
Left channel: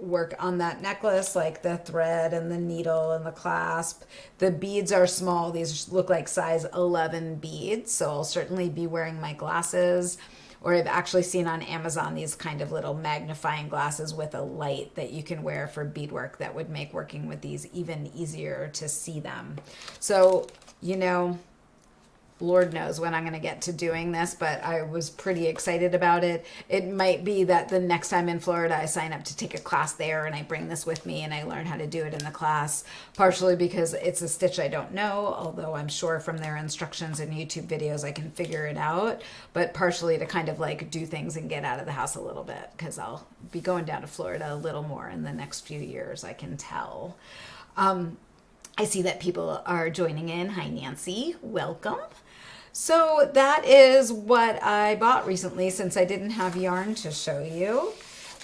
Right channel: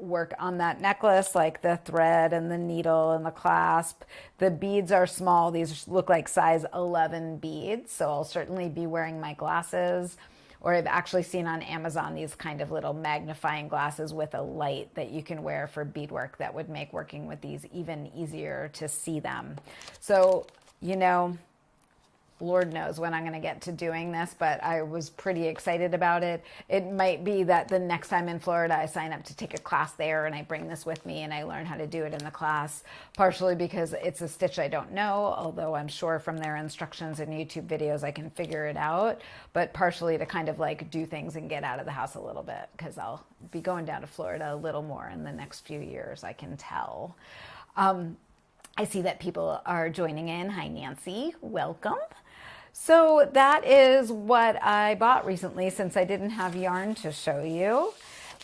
work on that necklace, like the thread and the needle and the clasp. The beads are small. These look like size 11 beads, so I'll certainly be wearing my glasses. Or I've actually seen on Amazon these kind of little magnifying glasses with a light that you can wear for beadwork that would make working with these even easier to see them. So, you know, Lord knows when I'm going to get to doing this, but I was pretty excited about it. It might be that the next time in Florida, I sign up to take a class there and I bring this with me and I learn how to do it in the class, partially because it's a stitch I don't know, although I'm sure from their instructions and YouTube videos I can figure it out, but partially to kind of like do things and get out of the house a little bit, because I'll be going down to Florida a little more in the next few years, I can tell. I see that people are joining in. Hi, Nancy. Welcome. So that is what I bought recently, since I didn't have yarn to show you.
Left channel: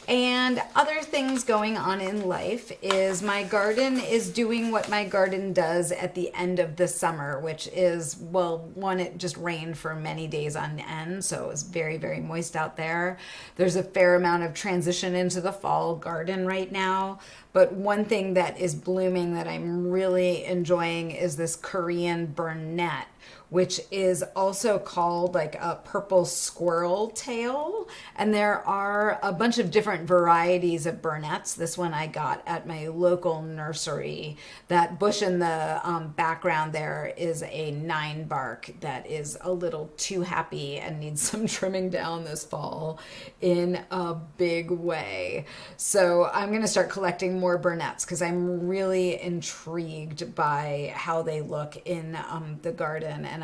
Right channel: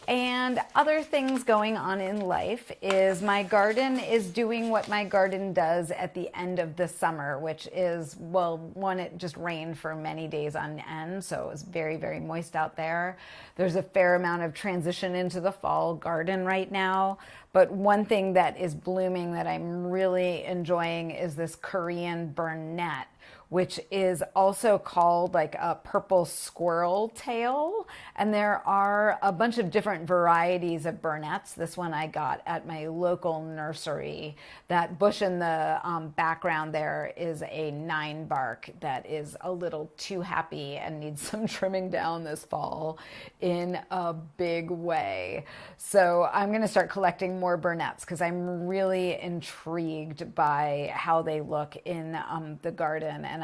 And other things going on in life is my garden is doing what my garden does at the end of the summer, which is, well, one, it just rained for many days on end, so it was very, very moist out there. There's a fair amount of transition into the fall garden right now. But one thing that is blooming that I'm really enjoying is this Korean burnet, which is also called like a purple squirrel tail. And there are a bunch of different varieties of burnets. This one I got at my local nursery. That bush in the background there is a 9-bark that is a little too happy and needs some trimming down this fall in a big way. So I'm gonna start collecting more burnets because I'm really intrigued by how they look in the garden. And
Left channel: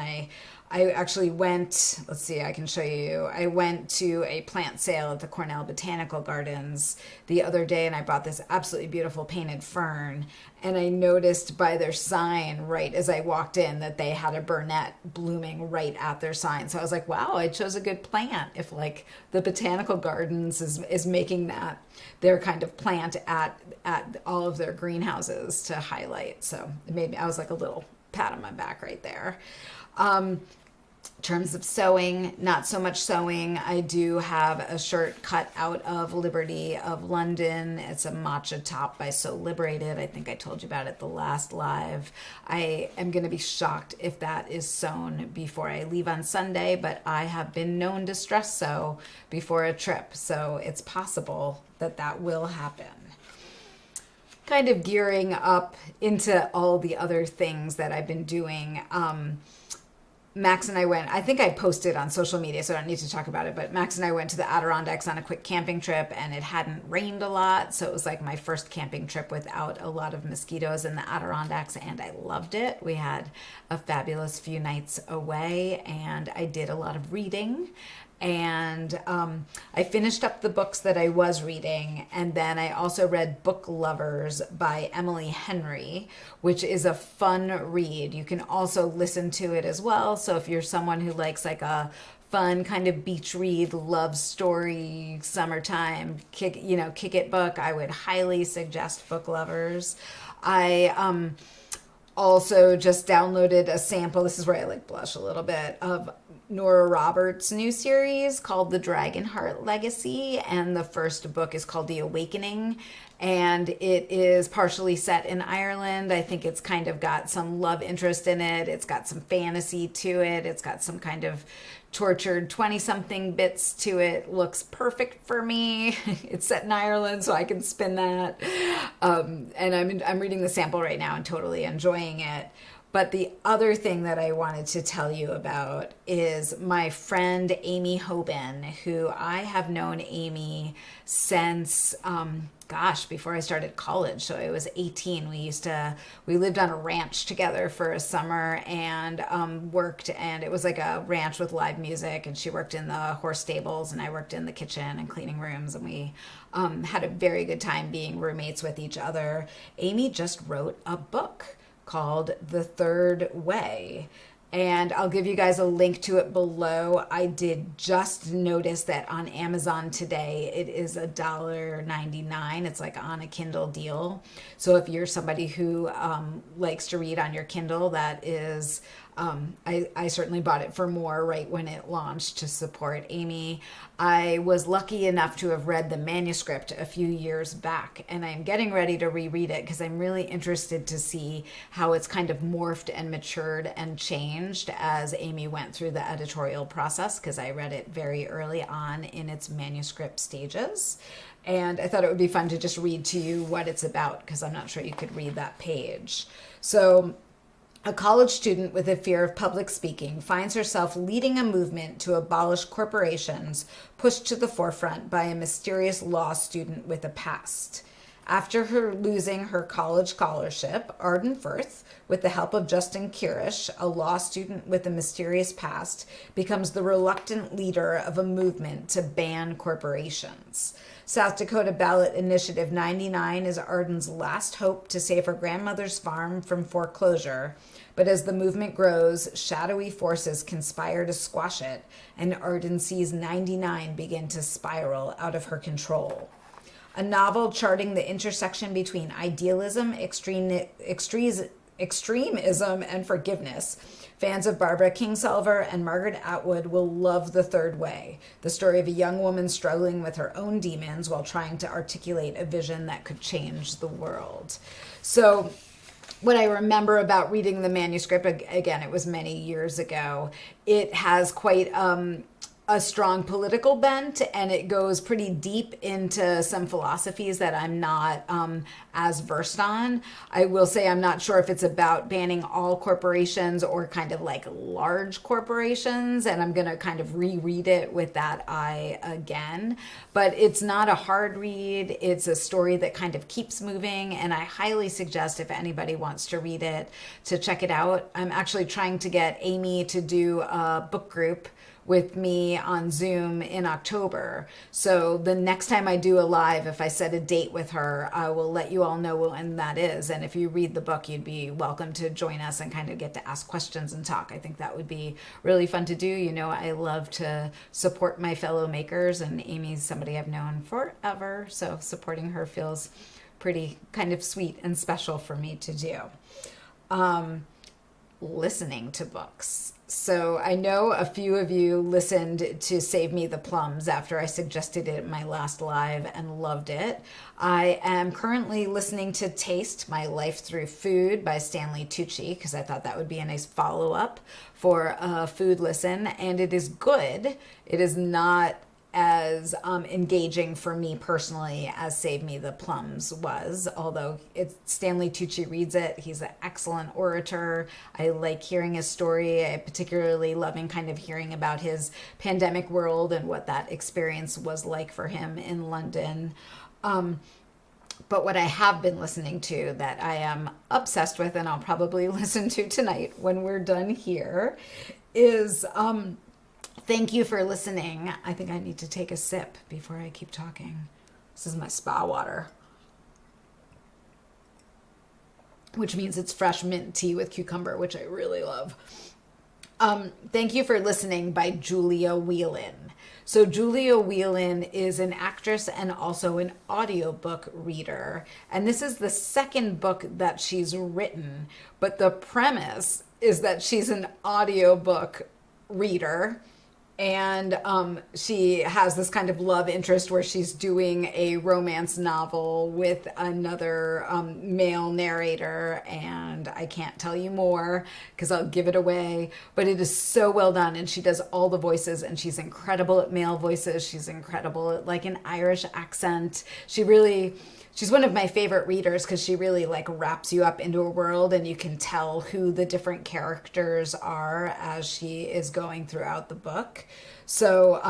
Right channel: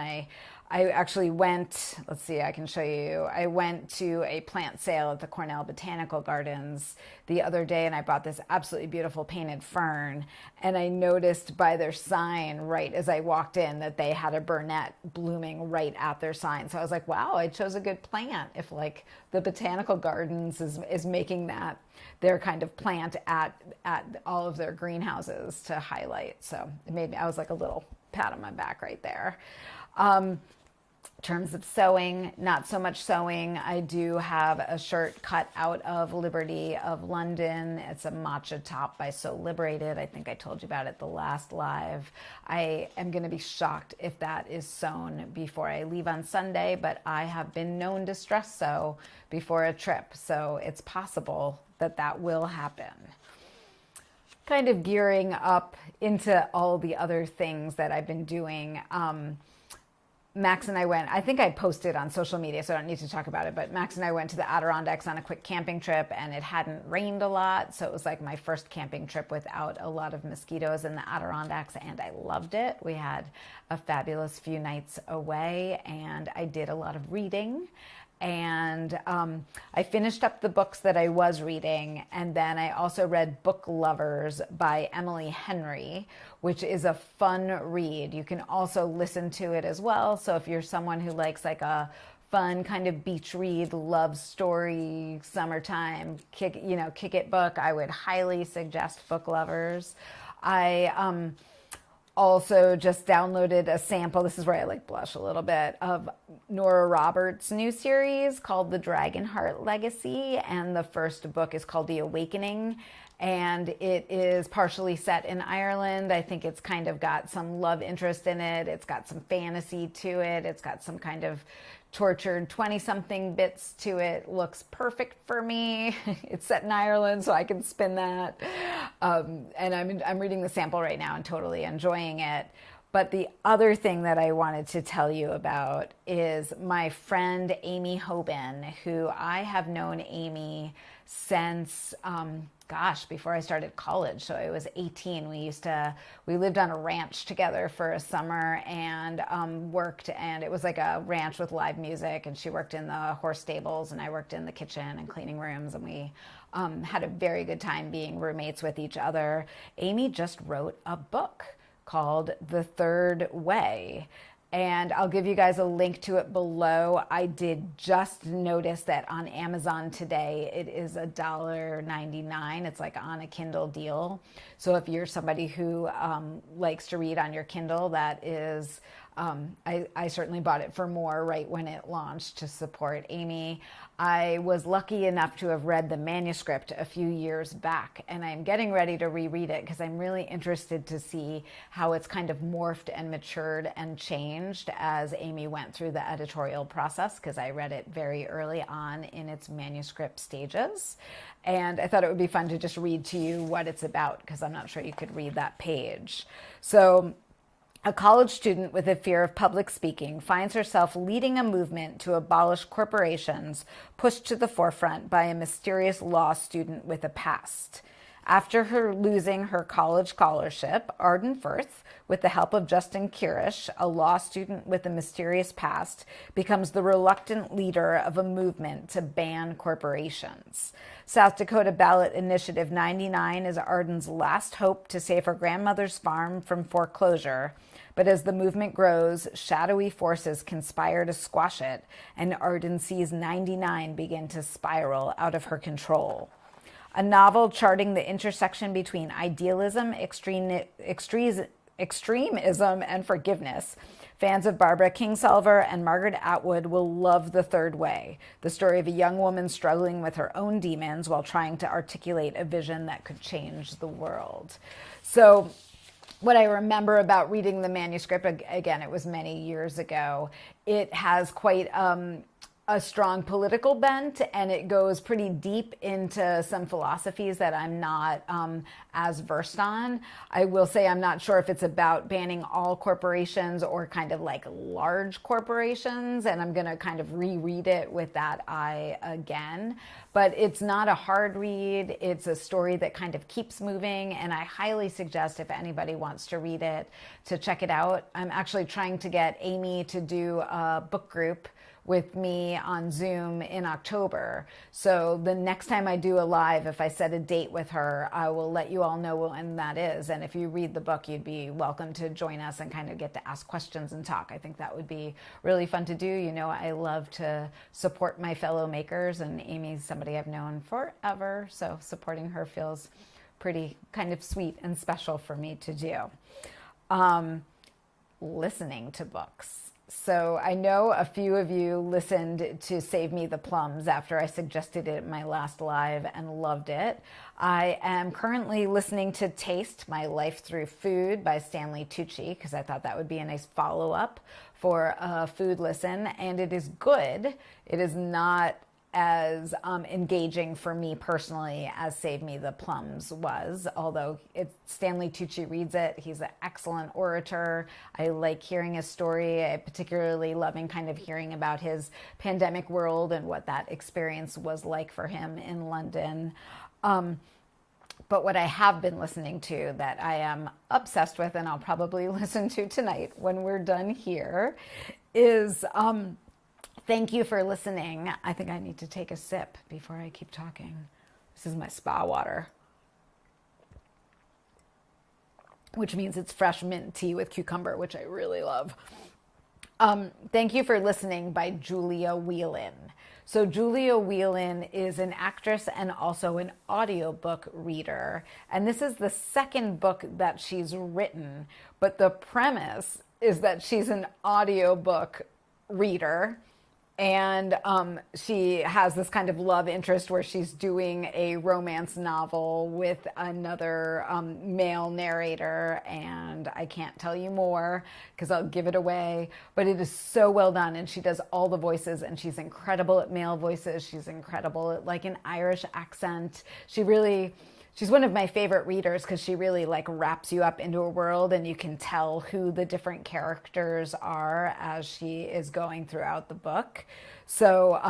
I actually went, let's see, I can show you. I went to a plant sale at the Cornell Botanical Gardens the other day, and I bought this absolutely beautiful painted fern. And I noticed by their sign right as I walked in that they had a burnet blooming right at their sign. So I was like, wow, I chose a good plant if like the Botanical Gardens is making that their kind of plant at all of their greenhouses to highlight. So it made me, I was like a little pat on my back right there. In terms of sewing, not so much sewing. I do have a shirt cut out of Liberty of London. It's a matcha top by So Liberated. I think I told you about it the last live. I am going to be shocked if that is sewn before I leave on Sunday, but I have been known to stress sew before a trip, so it's possible that that will happen. Kind of gearing up into all the other things that I've been doing. Max and I went, I think I posted on social media, so I don't need to talk about it, but Max and I went to the Adirondacks on a quick camping trip, and it hadn't rained a lot, so it was like my first camping trip without a lot of mosquitoes in the Adirondacks, and I loved it. We had a fabulous few nights away, and I did a lot of reading. And I finished up the books that I was reading, and then I also read Book Lovers by Emily Henry, which is a fun read. You can also listen to it as well. So if you're someone who likes like a fun kind of beach read, love story, summertime, kick it book, I would highly suggest Book Lovers. I also just downloaded a sample. This is where I like blush a little bit of Nora Roberts' new series called The Dragonheart Legacy, and the first book is called The Awakening, and it is partially set in Ireland. I think it's kind of got some love interest in it. It's got some fantasy to it. It's got some kind of tortured 20-something bits to it. Looks perfect for me. It's set in Ireland, so I can spin that. And I'm reading the sample right now and totally enjoying it. But the other thing that I wanted to tell you about is my friend Aimee Hoben, who I have known Aimee since, before I started college. So I was 18. We lived on a ranch together for a summer and worked, and it was like a ranch with live music, and she worked in the horse stables and I worked in the kitchen and cleaning rooms, and we had a very good time being roommates with each other. Aimee just wrote a book called The Third Way, and I'll give you guys a link to it below. I did just notice that on Amazon today it is $1.99. It's like on a Kindle deal. So if you're somebody who likes to read on your Kindle, that is I certainly bought it for more right when it launched to support Aimee. I was lucky enough to have read the manuscript a few years back, and I'm getting ready to reread it because I'm really interested to see how it's kind of morphed and matured and changed as Aimee went through the editorial process, because I read it very early on in its manuscript stages. And I thought it would be fun to just read to you what it's about, because I'm not sure you could read that page. So, a college student with a fear of public speaking finds herself leading a movement to abolish corporations pushed to the forefront by a mysterious law student with a past. After her losing her college scholarship, Arden Firth, with the help of Justin Kirish, a law student with a mysterious past, becomes the reluctant leader of a movement to ban corporations. South Dakota Ballot Initiative 99 is Arden's last hope to save her grandmother's farm from foreclosure. But as the movement grows, shadowy forces conspire to squash it, and Arden sees 99 begin to spiral out of her control. A novel charting the intersection between idealism, extremism, and forgiveness. Fans of Barbara Kingsolver and Margaret Atwood will love The Third Way, the story of a young woman struggling with her own demons while trying to articulate a vision that could change the world. So, what I remember about reading the manuscript, again, it was many years ago, it has quite a strong political bent, and it goes pretty deep into some philosophies that I'm not as versed on. I will say I'm not sure if it's about banning all corporations or kind of like large corporations, and I'm going to kind of reread it with that eye again. But it's not a hard read. It's a story that kind of keeps moving, and I highly suggest if anybody wants to read it to check it out. I'm actually trying to get Aimee to do a book group with me on Zoom in October. So the next time I do a live, if I set a date with her, I will let you all know when that is. And if you read the book, you'd be welcome to join us and kind of get to ask questions and talk. I think that would be really fun to do. You know, I love to support my fellow makers, and Aimee's somebody I've known forever. So supporting her feels pretty kind of sweet and special for me to do. Listening to books. So I know a few of you listened to Save Me the Plums after I suggested it in my last live and loved it. I am currently listening to Taste My Life Through Food by Stanley Tucci because I thought that would be a nice follow-up for a food listen, and it is good. It is not as engaging for me personally as Save Me the Plums was, although Stanley Tucci reads it. He's an excellent orator. I like hearing his story. I particularly loving kind of hearing about his pandemic world and what that experience was like for him in London. But what I have been listening to that I am obsessed with, and I'll probably listen to tonight when we're done here, is thank you for listening. I think I need to take a sip before I keep talking. This is my spa water, which means it's fresh mint tea with cucumber, which I really love. Thank you for listening by Julia Whelan. So Julia Whelan is an actress and also an audiobook reader. And this is the second book that she's written, but the premise is that she's an audiobook reader. And she has this kind of love interest where she's doing a romance novel with another male narrator. And I can't tell you more because I'll give it away. But it is so well done. And she does all the voices. And she's incredible at male voices. She's incredible at like an Irish accent. She's one of my favorite readers because she really like wraps you up into a world and you can tell who the different characters are as she is going throughout the book. So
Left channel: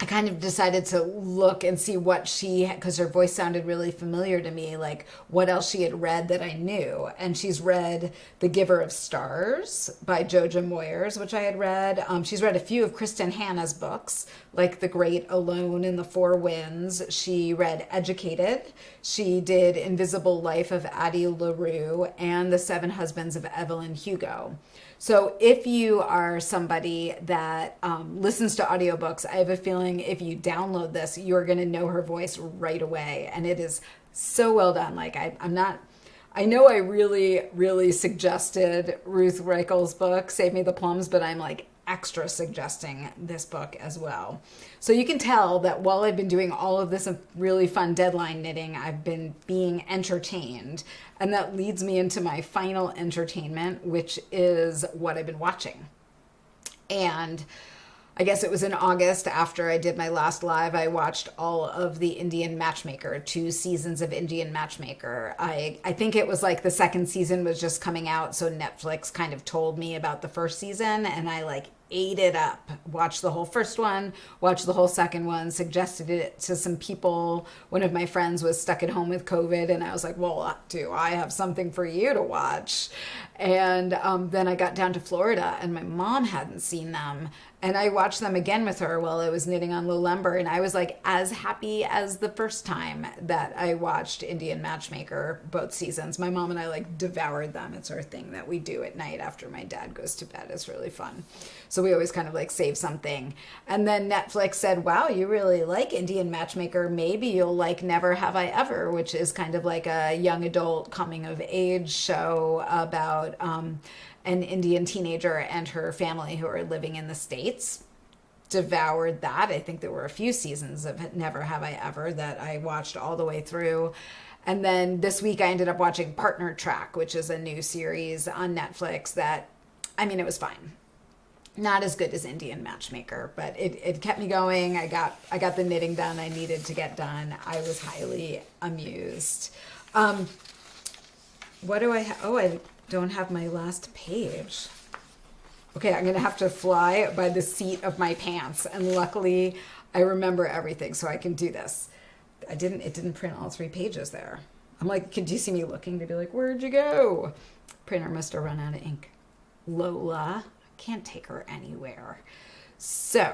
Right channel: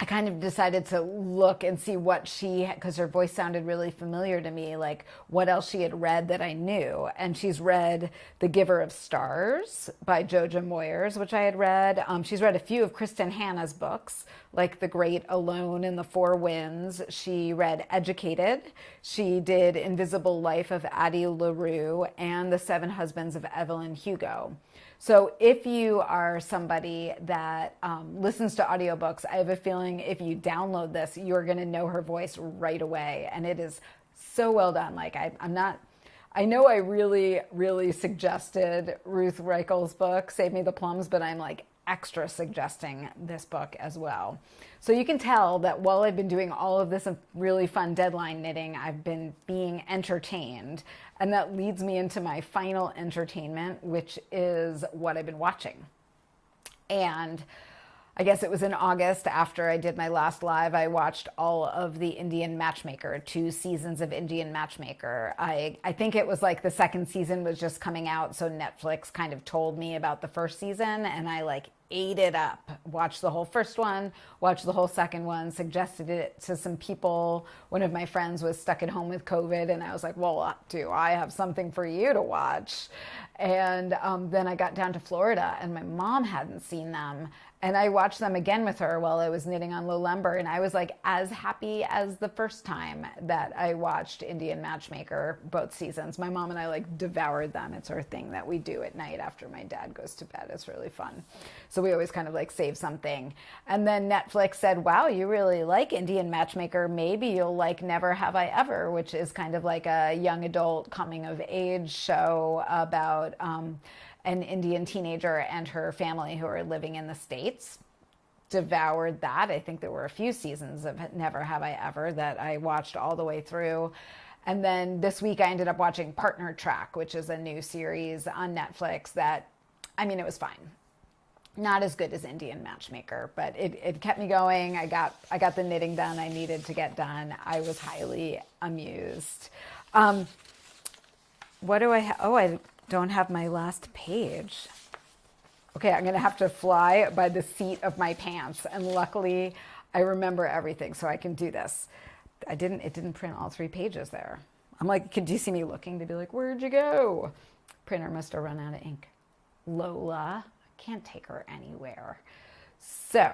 I kind of decided to look and see what because her voice sounded really familiar to me, like what else she had read that I knew. And she's read The Giver of Stars by Jojo Moyers, which I had read. She's read a few of Kristen Hanna's books, like The Great Alone and The Four Winds. She read Educated. She did Invisible Life of Addie LaRue and The Seven Husbands of Evelyn Hugo. So if you are somebody that listens to audiobooks, I have a feeling if you download this, you're going to know her voice right away. And it is so well done. Like I know I really, really suggested Ruth Reichel's book, Save Me the Plums, but I'm like extra suggesting this book as well. So you can tell that while I've been doing all of this really fun deadline knitting, I've been being entertained. And that leads me into my final entertainment, which is what I've been watching. And I guess it was in August after I did my last live, I watched all of the Indian Matchmaker, 2 seasons of Indian Matchmaker. I think it was like the second season was just coming out, so Netflix kind of told me about the first season, and I like ate it up. Watched the whole first one, watched the whole second one, suggested it to some people. One of my friends was stuck at home with COVID, and I was like, well, do I have something for you to watch? And then I got down to Florida, and my mom hadn't seen them. And I watched them again with her while I was knitting on Lowlember, and I was like as happy as the first time that I watched Indian Matchmaker, both seasons. My mom and I like devoured them. It's our thing that we do at night after my dad goes to bed. It's really fun. So we always kind of like save something. And then Netflix said, wow, you really like Indian Matchmaker. Maybe you'll like Never Have I Ever, which is kind of like a young adult coming of age show about an Indian teenager and her family who are living in the States. Devoured that. I think there were a few seasons of Never Have I Ever that I watched all the way through. And then this week I ended up watching Partner Track, which is a new series on Netflix that, I mean, it was fine. Not as good as Indian Matchmaker, but it kept me going. I got the knitting done I needed to get done. I was highly amused. What do I have? Oh, I don't have my last page. Okay, I'm gonna have to fly by the seat of my pants, and luckily I remember everything, so I can do this. It didn't print all 3 pages there. I'm like, could you see me looking to be like, where'd you go? Printer must have run out of ink. Lola, can't take her anywhere. So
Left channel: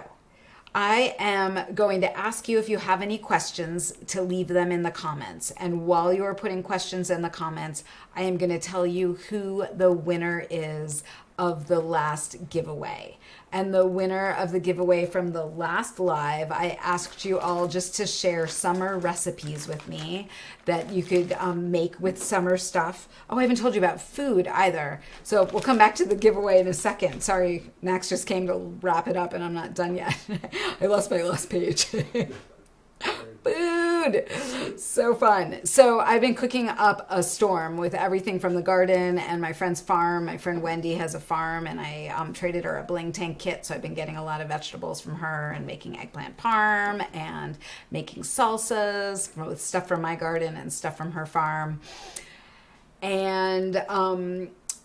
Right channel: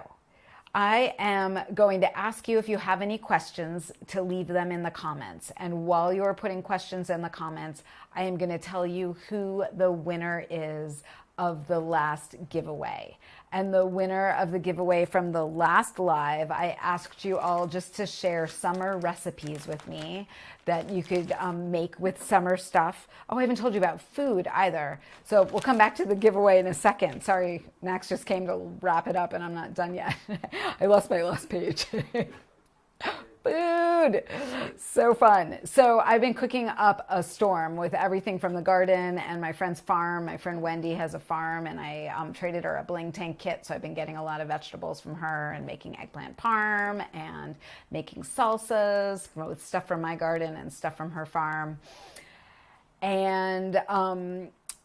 I am going to ask you if you have any questions to leave them in the comments. And while you're putting questions in the comments, I am going to tell you who the winner is of the last giveaway. And the winner of the giveaway from the last live, I asked you all just to share summer recipes with me that you could make with summer stuff. Oh, I haven't told you about food either. So we'll come back to the giveaway in a second. Sorry, Max just came to wrap it up and I'm not done yet. I lost my last page. Food, so fun. So I've been cooking up a storm with everything from the garden and my friend's farm. My friend Wendy has a farm, and I traded her a bling tank kit, so I've been getting a lot of vegetables from her and making eggplant parm and making salsas with stuff from my garden and stuff from her farm. And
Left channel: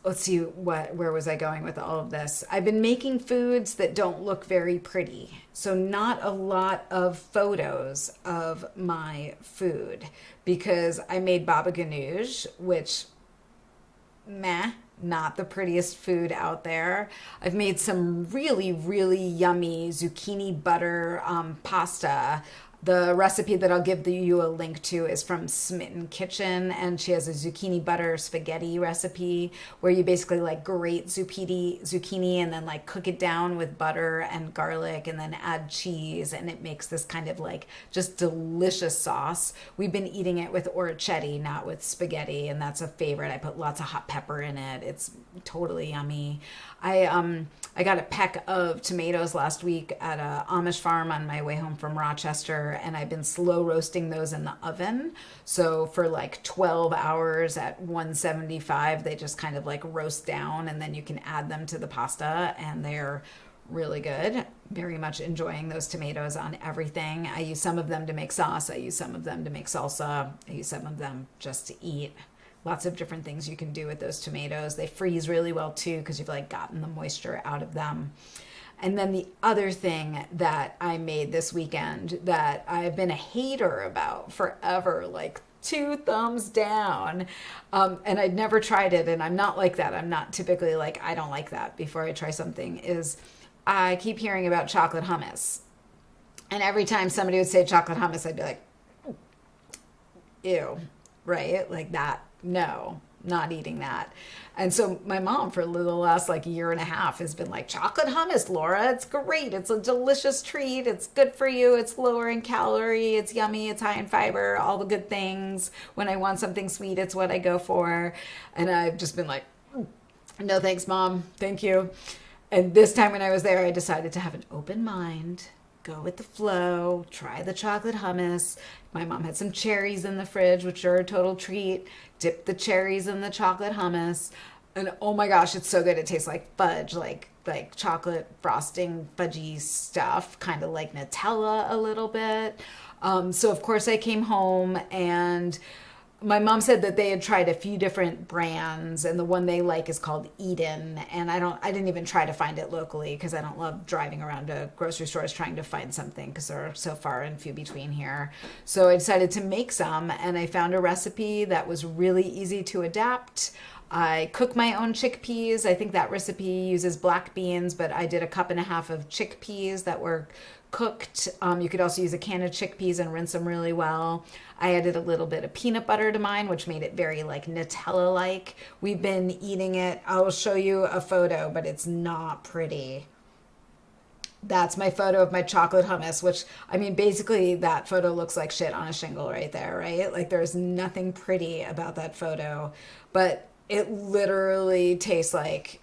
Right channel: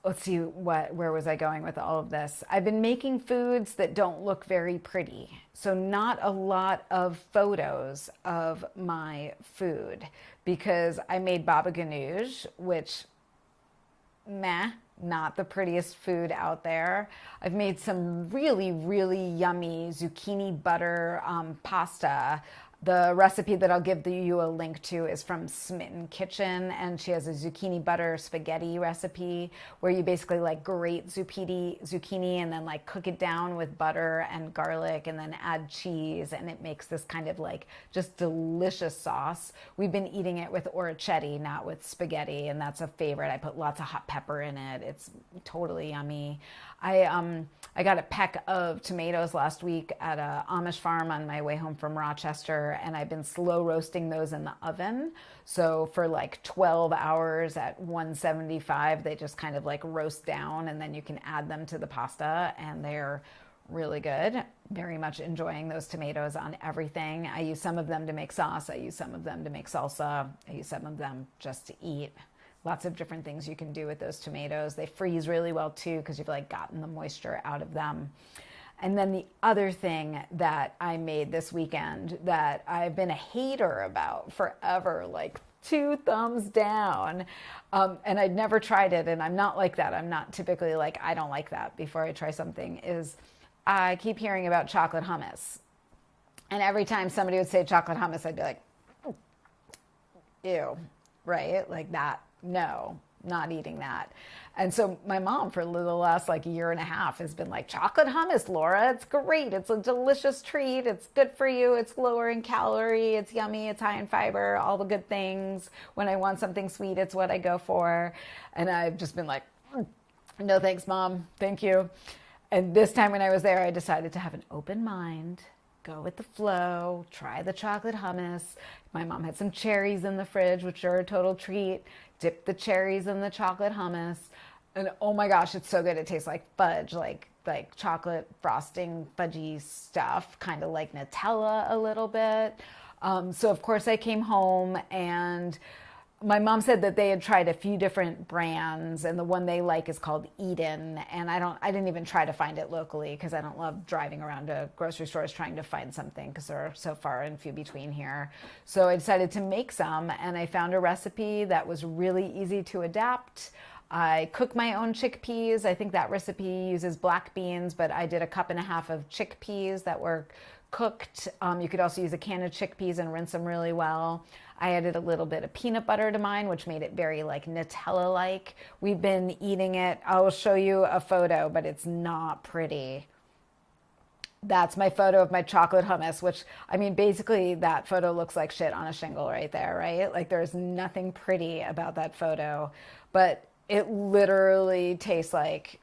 let's see, where was I going with all of this? I've been making foods that don't look very pretty. So not a lot of photos of my food, because I made baba ganoush, which, meh, not the prettiest food out there. I've made some really, really yummy zucchini butter pasta. The recipe that I'll give you a link to is from Smitten Kitchen, and she has a zucchini butter spaghetti recipe where you basically like grate zucchini and then like cook it down with butter and garlic and then add cheese, and it makes this kind of like just delicious sauce. We've been eating it with orecchiette, not with spaghetti, and that's a favorite. I put lots of hot pepper in it. It's totally yummy. I got a peck of tomatoes last week at a Amish farm on my way home from Rochester, and I've been slow roasting those in the oven. So for like 12 hours at 175, they just kind of like roast down, and then you can add them to the pasta, and they're really good. Very much enjoying those tomatoes on everything. I use some of them to make sauce. I use some of them to make salsa. I use some of them just to eat. Lots of different things you can do with those tomatoes. They freeze really well too, because you've like gotten the moisture out of them. And then the other thing that I made this weekend that I've been a hater about forever, like 2 thumbs down, and I'd never tried it, and I'm not like that. I'm not typically like, I don't like that before I try something, is I keep hearing about chocolate hummus. And every time somebody would say chocolate hummus, I'd be like, ew, right? Like that. No, not eating that. And so my mom for the last like year and a half has been like, chocolate hummus, Laura, it's great. It's a delicious treat. It's good for you. It's lower in calorie. It's yummy. It's high in fiber, all the good things. When I want something sweet, it's what I go for. And I've just been like, no thanks, Mom. Thank you. And this time when I was there, I decided to have an open mind, go with the flow, try the chocolate hummus. My mom had some cherries in the fridge, which are a total treat. Dip the cherries in the chocolate hummus, and oh my gosh, it's so good. It tastes like fudge, like chocolate frosting, fudgy stuff, kind of like Nutella a little bit. So of course I came home, and my mom said that they had tried a few different brands, and the one they like is called Eden. And I didn't even try to find it locally, because I don't love driving around to grocery stores trying to find something, because they're so far and few between here. So I decided to make some, and I found a recipe that was really easy to adapt. I cook my own chickpeas. I think that recipe uses black beans, but I did 1.5 cups of chickpeas that were cooked. You could also use a can of chickpeas and rinse them really well. I added a little bit of peanut butter to mine, which made it very like Nutella-like. We've been eating it. I will show you a photo, but it's not pretty. That's my photo of my chocolate hummus, which, I mean, basically that photo looks like shit on a shingle right there, right? Like there's nothing pretty about that photo, but it literally tastes like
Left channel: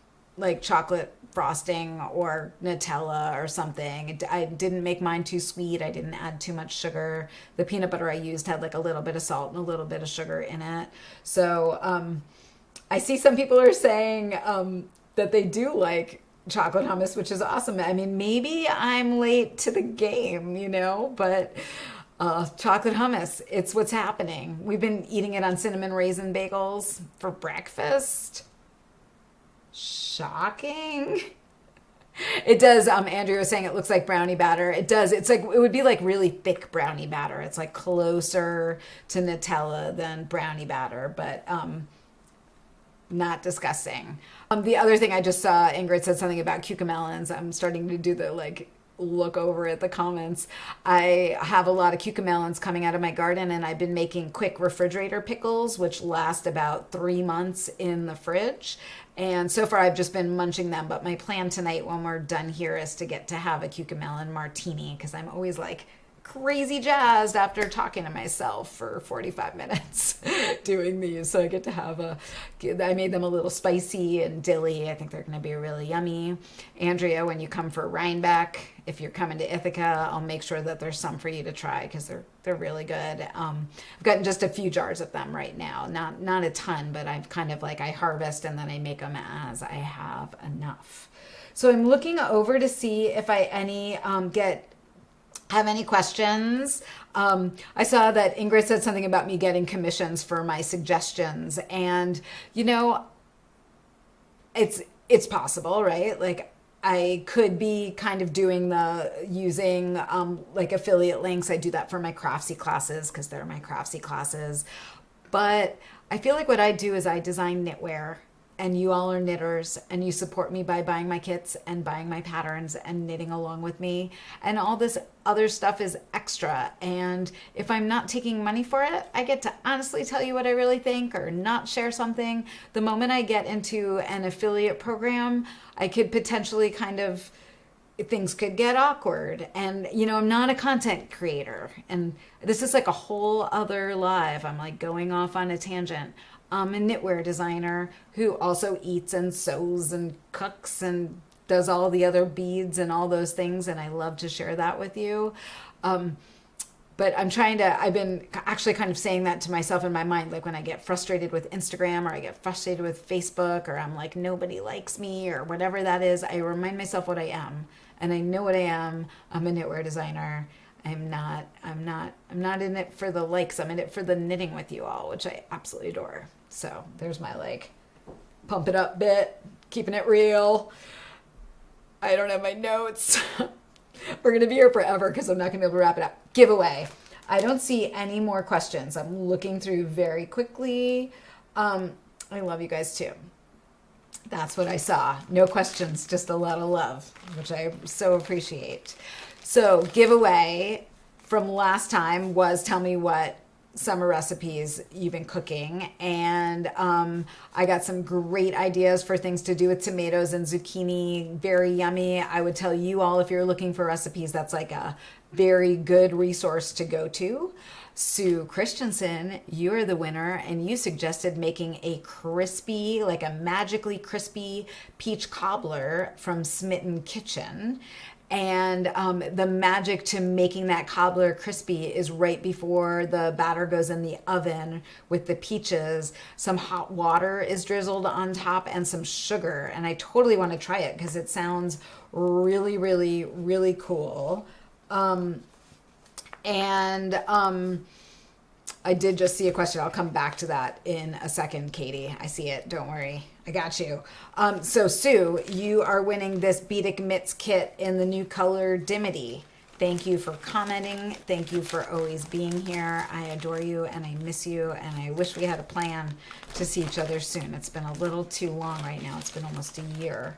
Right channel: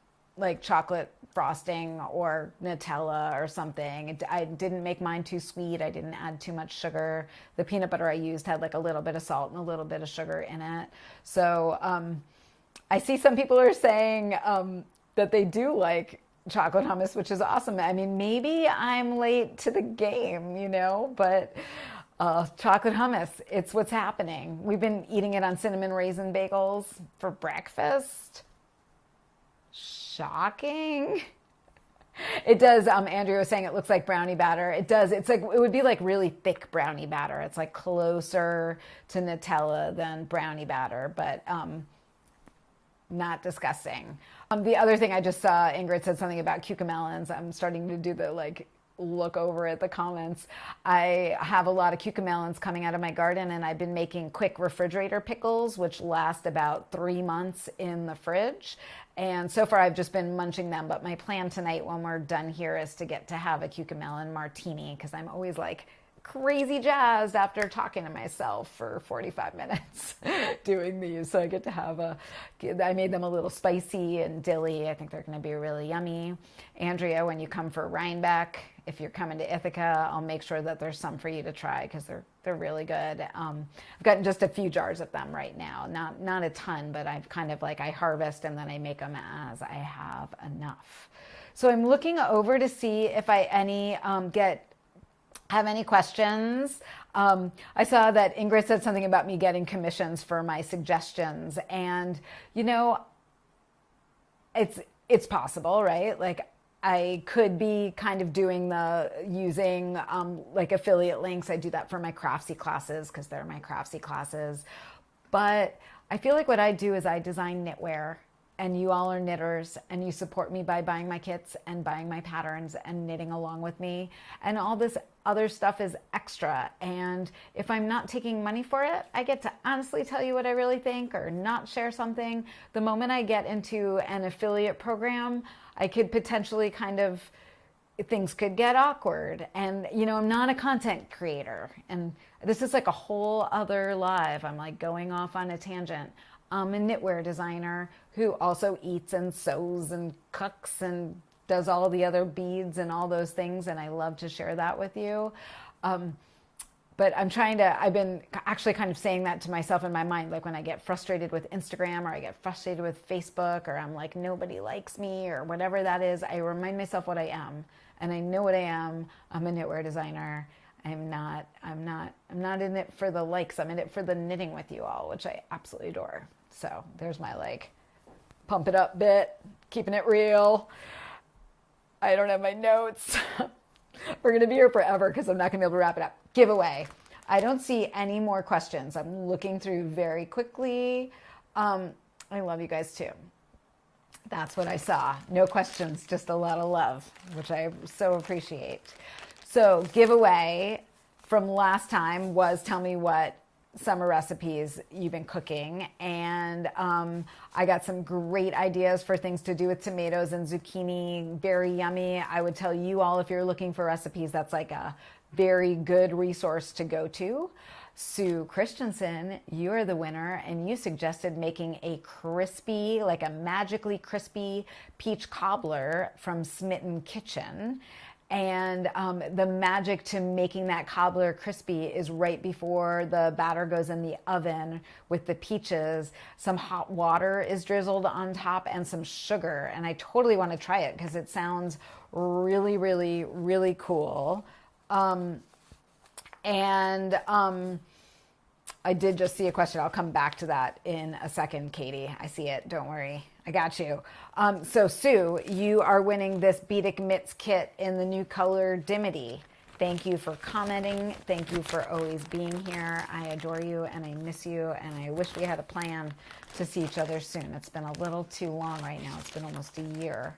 chocolate frosting or Nutella or something. I didn't make mine too sweet. I didn't add too much sugar. The peanut butter I used had like a little bit of salt and a little bit of sugar in it. So I see some people are saying that they do like chocolate hummus, which is awesome. I mean, maybe I'm late to the game, but chocolate hummus, it's what's happening. We've been eating it on cinnamon raisin bagels for breakfast. Shocking. It does. Andrea was saying it looks like brownie batter. It does. It's like, it would be like really thick brownie batter. It's like closer to Nutella than brownie batter, but not disgusting. The other thing I just saw, Ingrid said something about cucamelons. I'm starting to do the look over at the comments. I have a lot of cucamelons coming out of my garden, and I've been making quick refrigerator pickles, which last about 3 months in the fridge. And so far I've just been munching them, but my plan tonight when we're done here is to get to have a cucamelon martini, because I'm always like crazy jazzed after talking to myself for 45 minutes doing these. So I get to have I made them a little spicy and dilly. I think they're going to be really yummy. Andrea, when you come for Rhinebeck, if you're coming to Ithaca, I'll make sure that there's some for you to try, because they're really good. I've gotten just a few jars of them right now, not a ton, but I've kind of I harvest and then I make them as I have enough. So I'm looking over to see if I have any questions. I saw that Ingrid said something about me getting commissions for my suggestions, and it's possible, right? I could be kind of using affiliate links. I do that for my Craftsy classes because they're my Craftsy classes. But I feel like what I do is I design knitwear, and you all are knitters, and you support me by buying my kits and buying my patterns and knitting along with me. And all this other stuff is extra. And if I'm not taking money for it, I get to honestly tell you what I really think or not share something. The moment I get into an affiliate program, I could potentially things could get awkward. And, I'm not a content creator. And this is like a whole other live. I'm going off on a tangent. I'm a knitwear designer who also eats and sews and cooks and does all the other beads and all those things. And I love to share that with you. But I've been actually kind of saying that to myself in my mind, when I get frustrated with Instagram or I get frustrated with Facebook, or I'm like, nobody likes me or whatever that is, I remind myself what I am. And I know what I am. I'm a knitwear designer. I'm not in it for the likes. I'm in it for the knitting with you all, which I absolutely adore. So there's my pump it up bit, keeping it real. I don't have my notes. We're going to be here forever because I'm not going to be able to wrap it up. Giveaway. I don't see any more questions. I'm looking through very quickly. I love you guys too. That's what I saw. No questions, just a lot of love, which I so appreciate. So giveaway from last time was tell me what summer recipes you've been cooking, and I got some great ideas for things to do with tomatoes and zucchini. Very yummy. I would tell you all, if you're looking for recipes, that's a very good resource to go to. Sue Christensen, you're the winner, and you suggested making a crispy, a magically crispy peach cobbler from Smitten Kitchen. And the magic to making that cobbler crispy is right before the batter goes in the oven with the peaches. Some hot water is drizzled on top and some sugar. And I totally want to try it because it sounds really, really, really cool. I did just see a question. I'll come back to that in a second, Katie. I see it. Don't worry. I got you. So Sue, you are winning this Beading Mitts kit in the new color Dimity. Thank you for commenting. Thank you for always being here. I adore you and I miss you, and I wish we had a plan to see each other soon. It's been a little too long right now. It's been almost a year.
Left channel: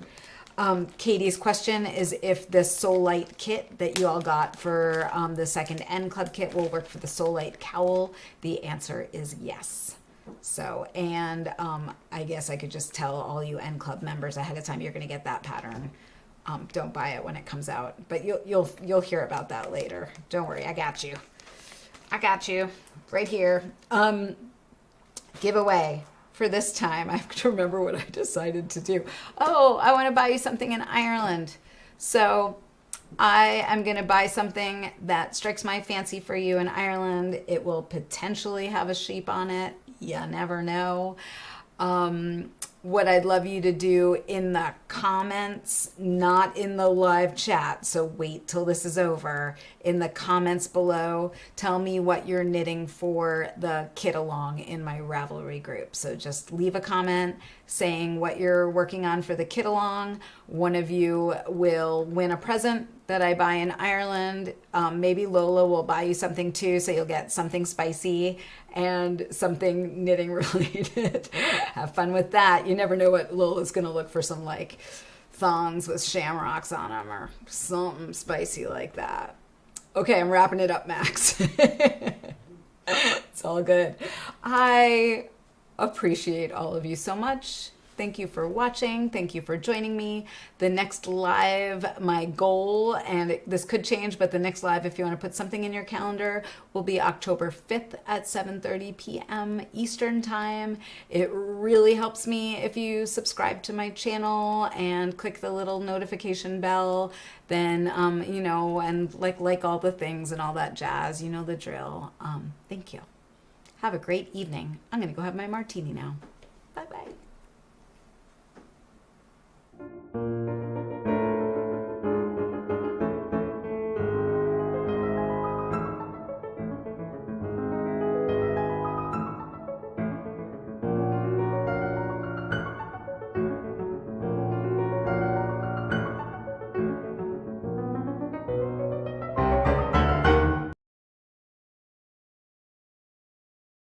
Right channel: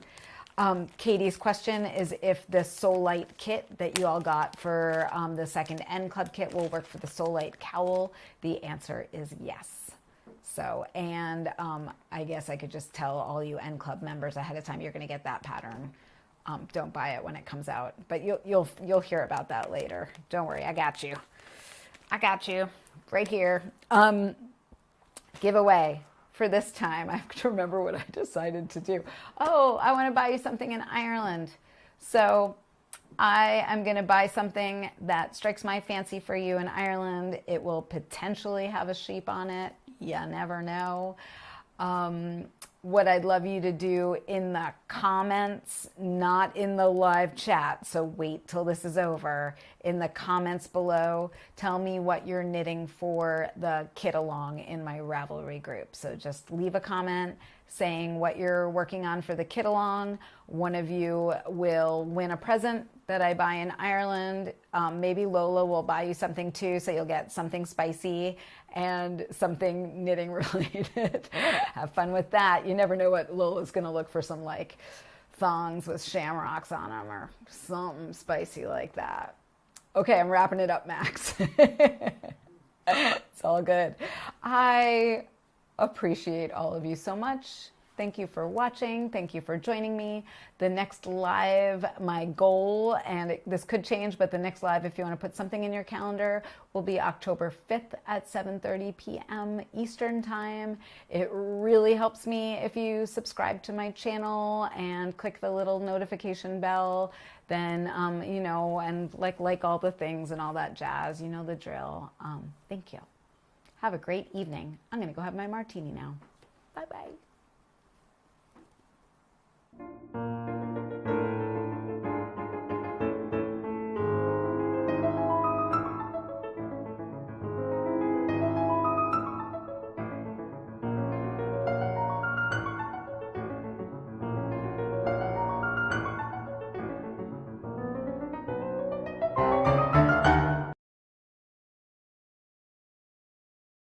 Katie's question is if the Soul Light kit that you all got for the second N Club kit will work for the Soul Light cowl. The answer is yes. So, and I guess I could just tell all you N Club members ahead of time you're going to get that pattern. Don't buy it when it comes out, but you'll hear about that later. Don't worry, I got you. I got you right here. Giveaway. For this time, I have to remember what I decided to do. Oh, I want to buy you something in Ireland. So I am going to buy something that strikes my fancy for you in Ireland. It will potentially have a sheep on it. You never know. what I'd love you to do in the comments, not in the live chat, so wait till this is over, in the comments below, tell me what you're knitting for the kit along in my Ravelry group. So just leave a comment saying what you're working on for the kit along. One of you will win a present that I buy in Ireland. Maybe Lola will buy you something too, so you'll get something spicy and something knitting related. Have fun with that. You never know what Lola's gonna look for, some like thongs with shamrocks on them or something spicy like that. Okay, I'm wrapping it up, Max. It's all good. I appreciate all of you so much. Thank you for watching. Thank you for joining me. The next live, my goal, and this could change, but the next live, if you want to put something in your calendar, will be October 5th at 7:30 p.m. Eastern Time. It really helps me if you subscribe to my channel and click the little notification bell. Then, you know, and like all the things and all that jazz, you know the drill. Thank you. Have a great evening. I'm going to go have my martini now. Bye-bye.